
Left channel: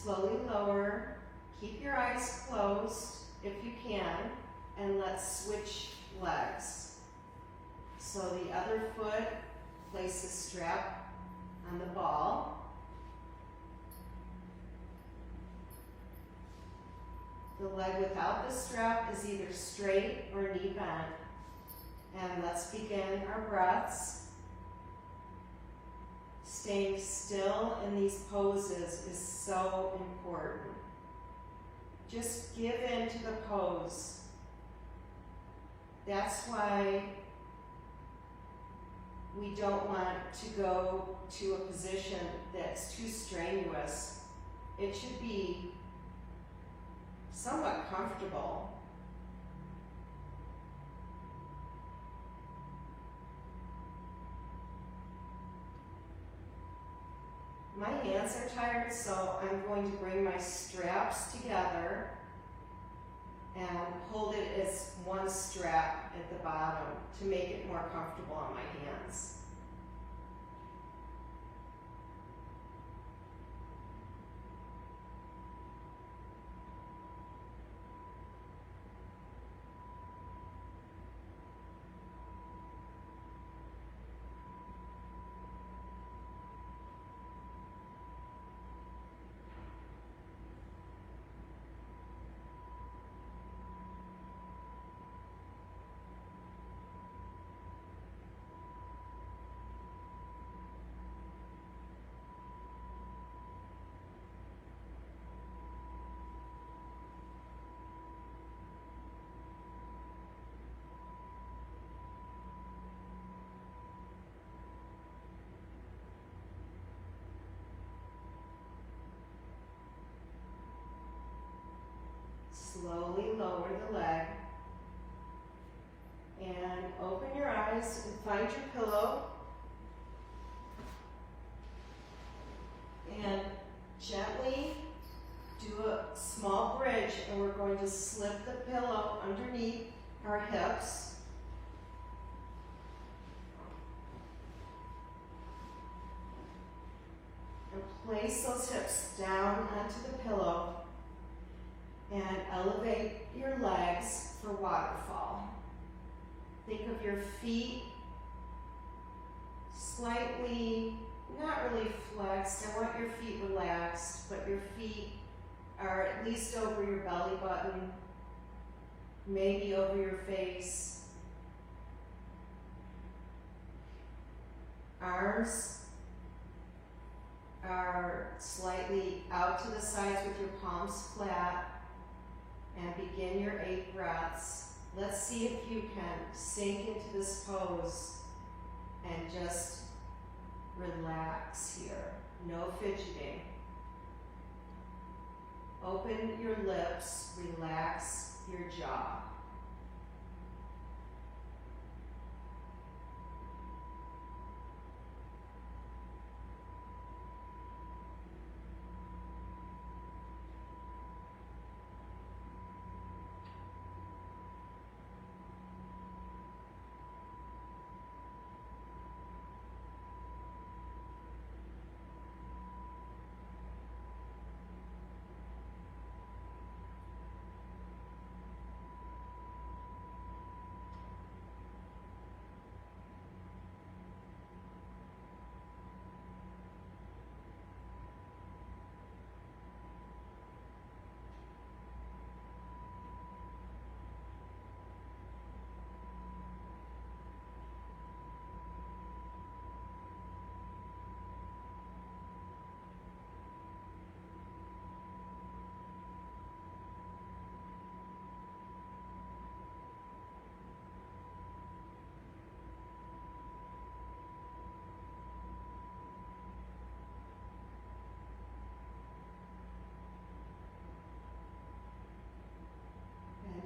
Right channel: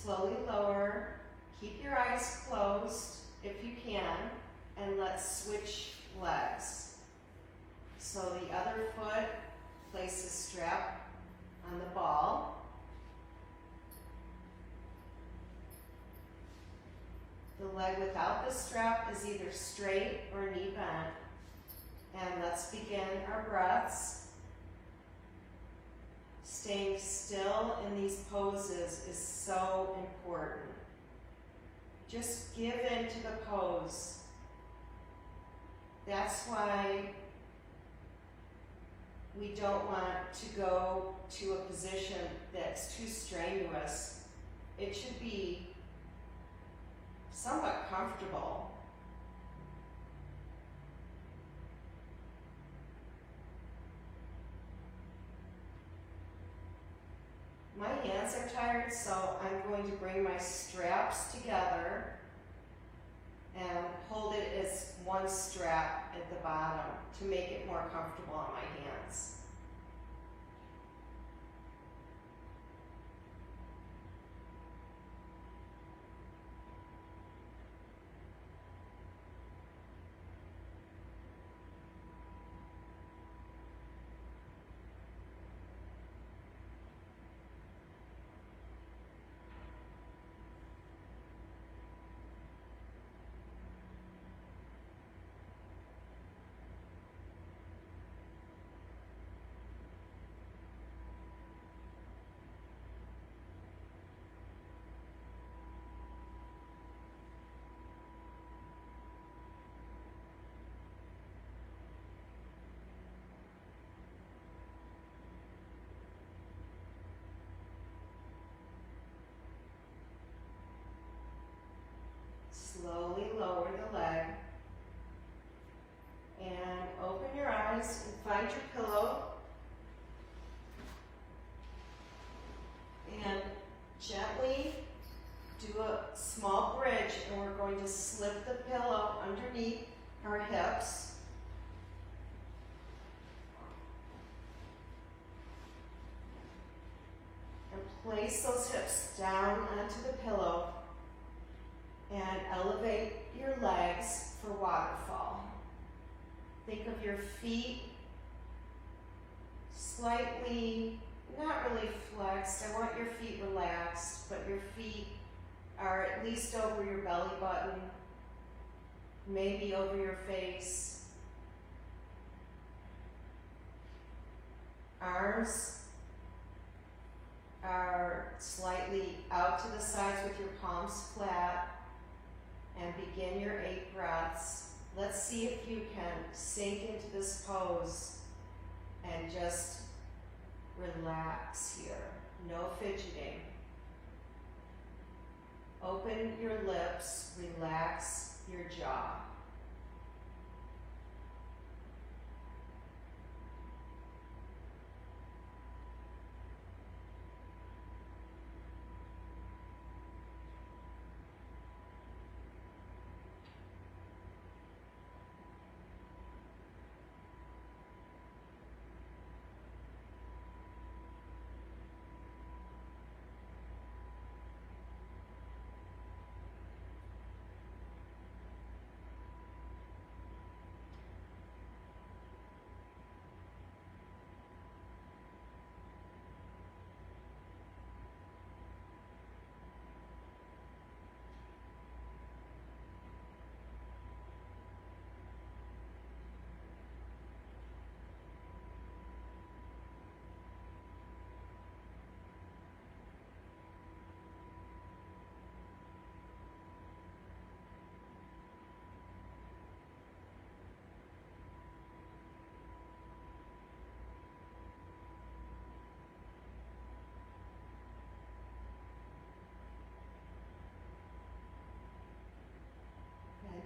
Slowly lower, keep your eyes closed if you can, and let's switch legs. So the other foot, place the strap on the ball. The leg without the strap is either straight or knee bent. And let's begin our breaths. Staying still in these poses is so important. Just give in to the pose. That's why we don't want to go to a position that's too strenuous. It should be somewhat comfortable. My hands are tired, so I'm going to bring my straps together and hold it as one strap at the bottom to make it more comfortable on my hands. Slowly lower the leg and open your eyes and find your pillow and gently do a small bridge, and we're going to slip the pillow underneath our hips. And place those hips down onto the pillow. And elevate your legs for waterfall. Think of your feet slightly, not really flexed. I want your feet relaxed, but your feet are at least over your belly button, maybe over your face. Arms are slightly out to the sides with your palms flat. And begin your 8 breaths. Let's see if you can sink into this pose and just relax here. No fidgeting. Open your lips, relax your jaw.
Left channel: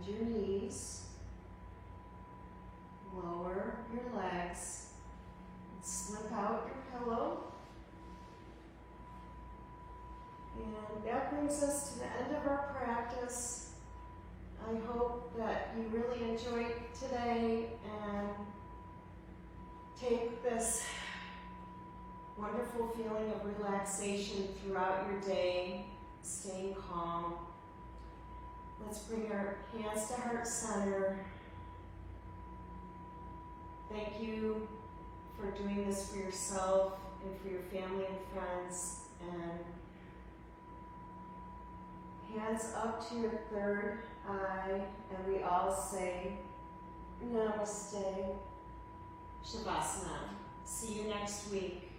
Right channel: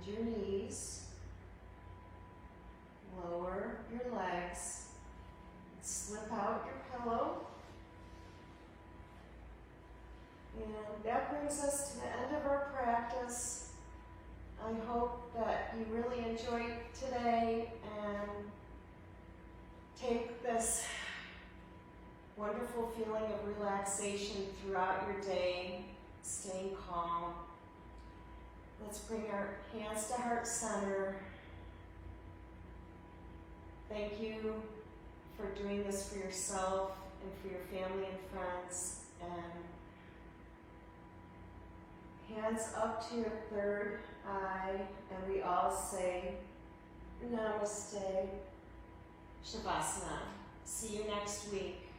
Bend your knees, lower your legs, slip out your pillow. And that brings us to the end of our practice. I hope that you really enjoyed today and take this wonderful feeling of relaxation throughout your day, staying calm. Let's bring our hands to heart center. Thank you for doing this for yourself and for your family and friends. And hands up to your third eye, and we all say Namaste, Shavasana. See you next week.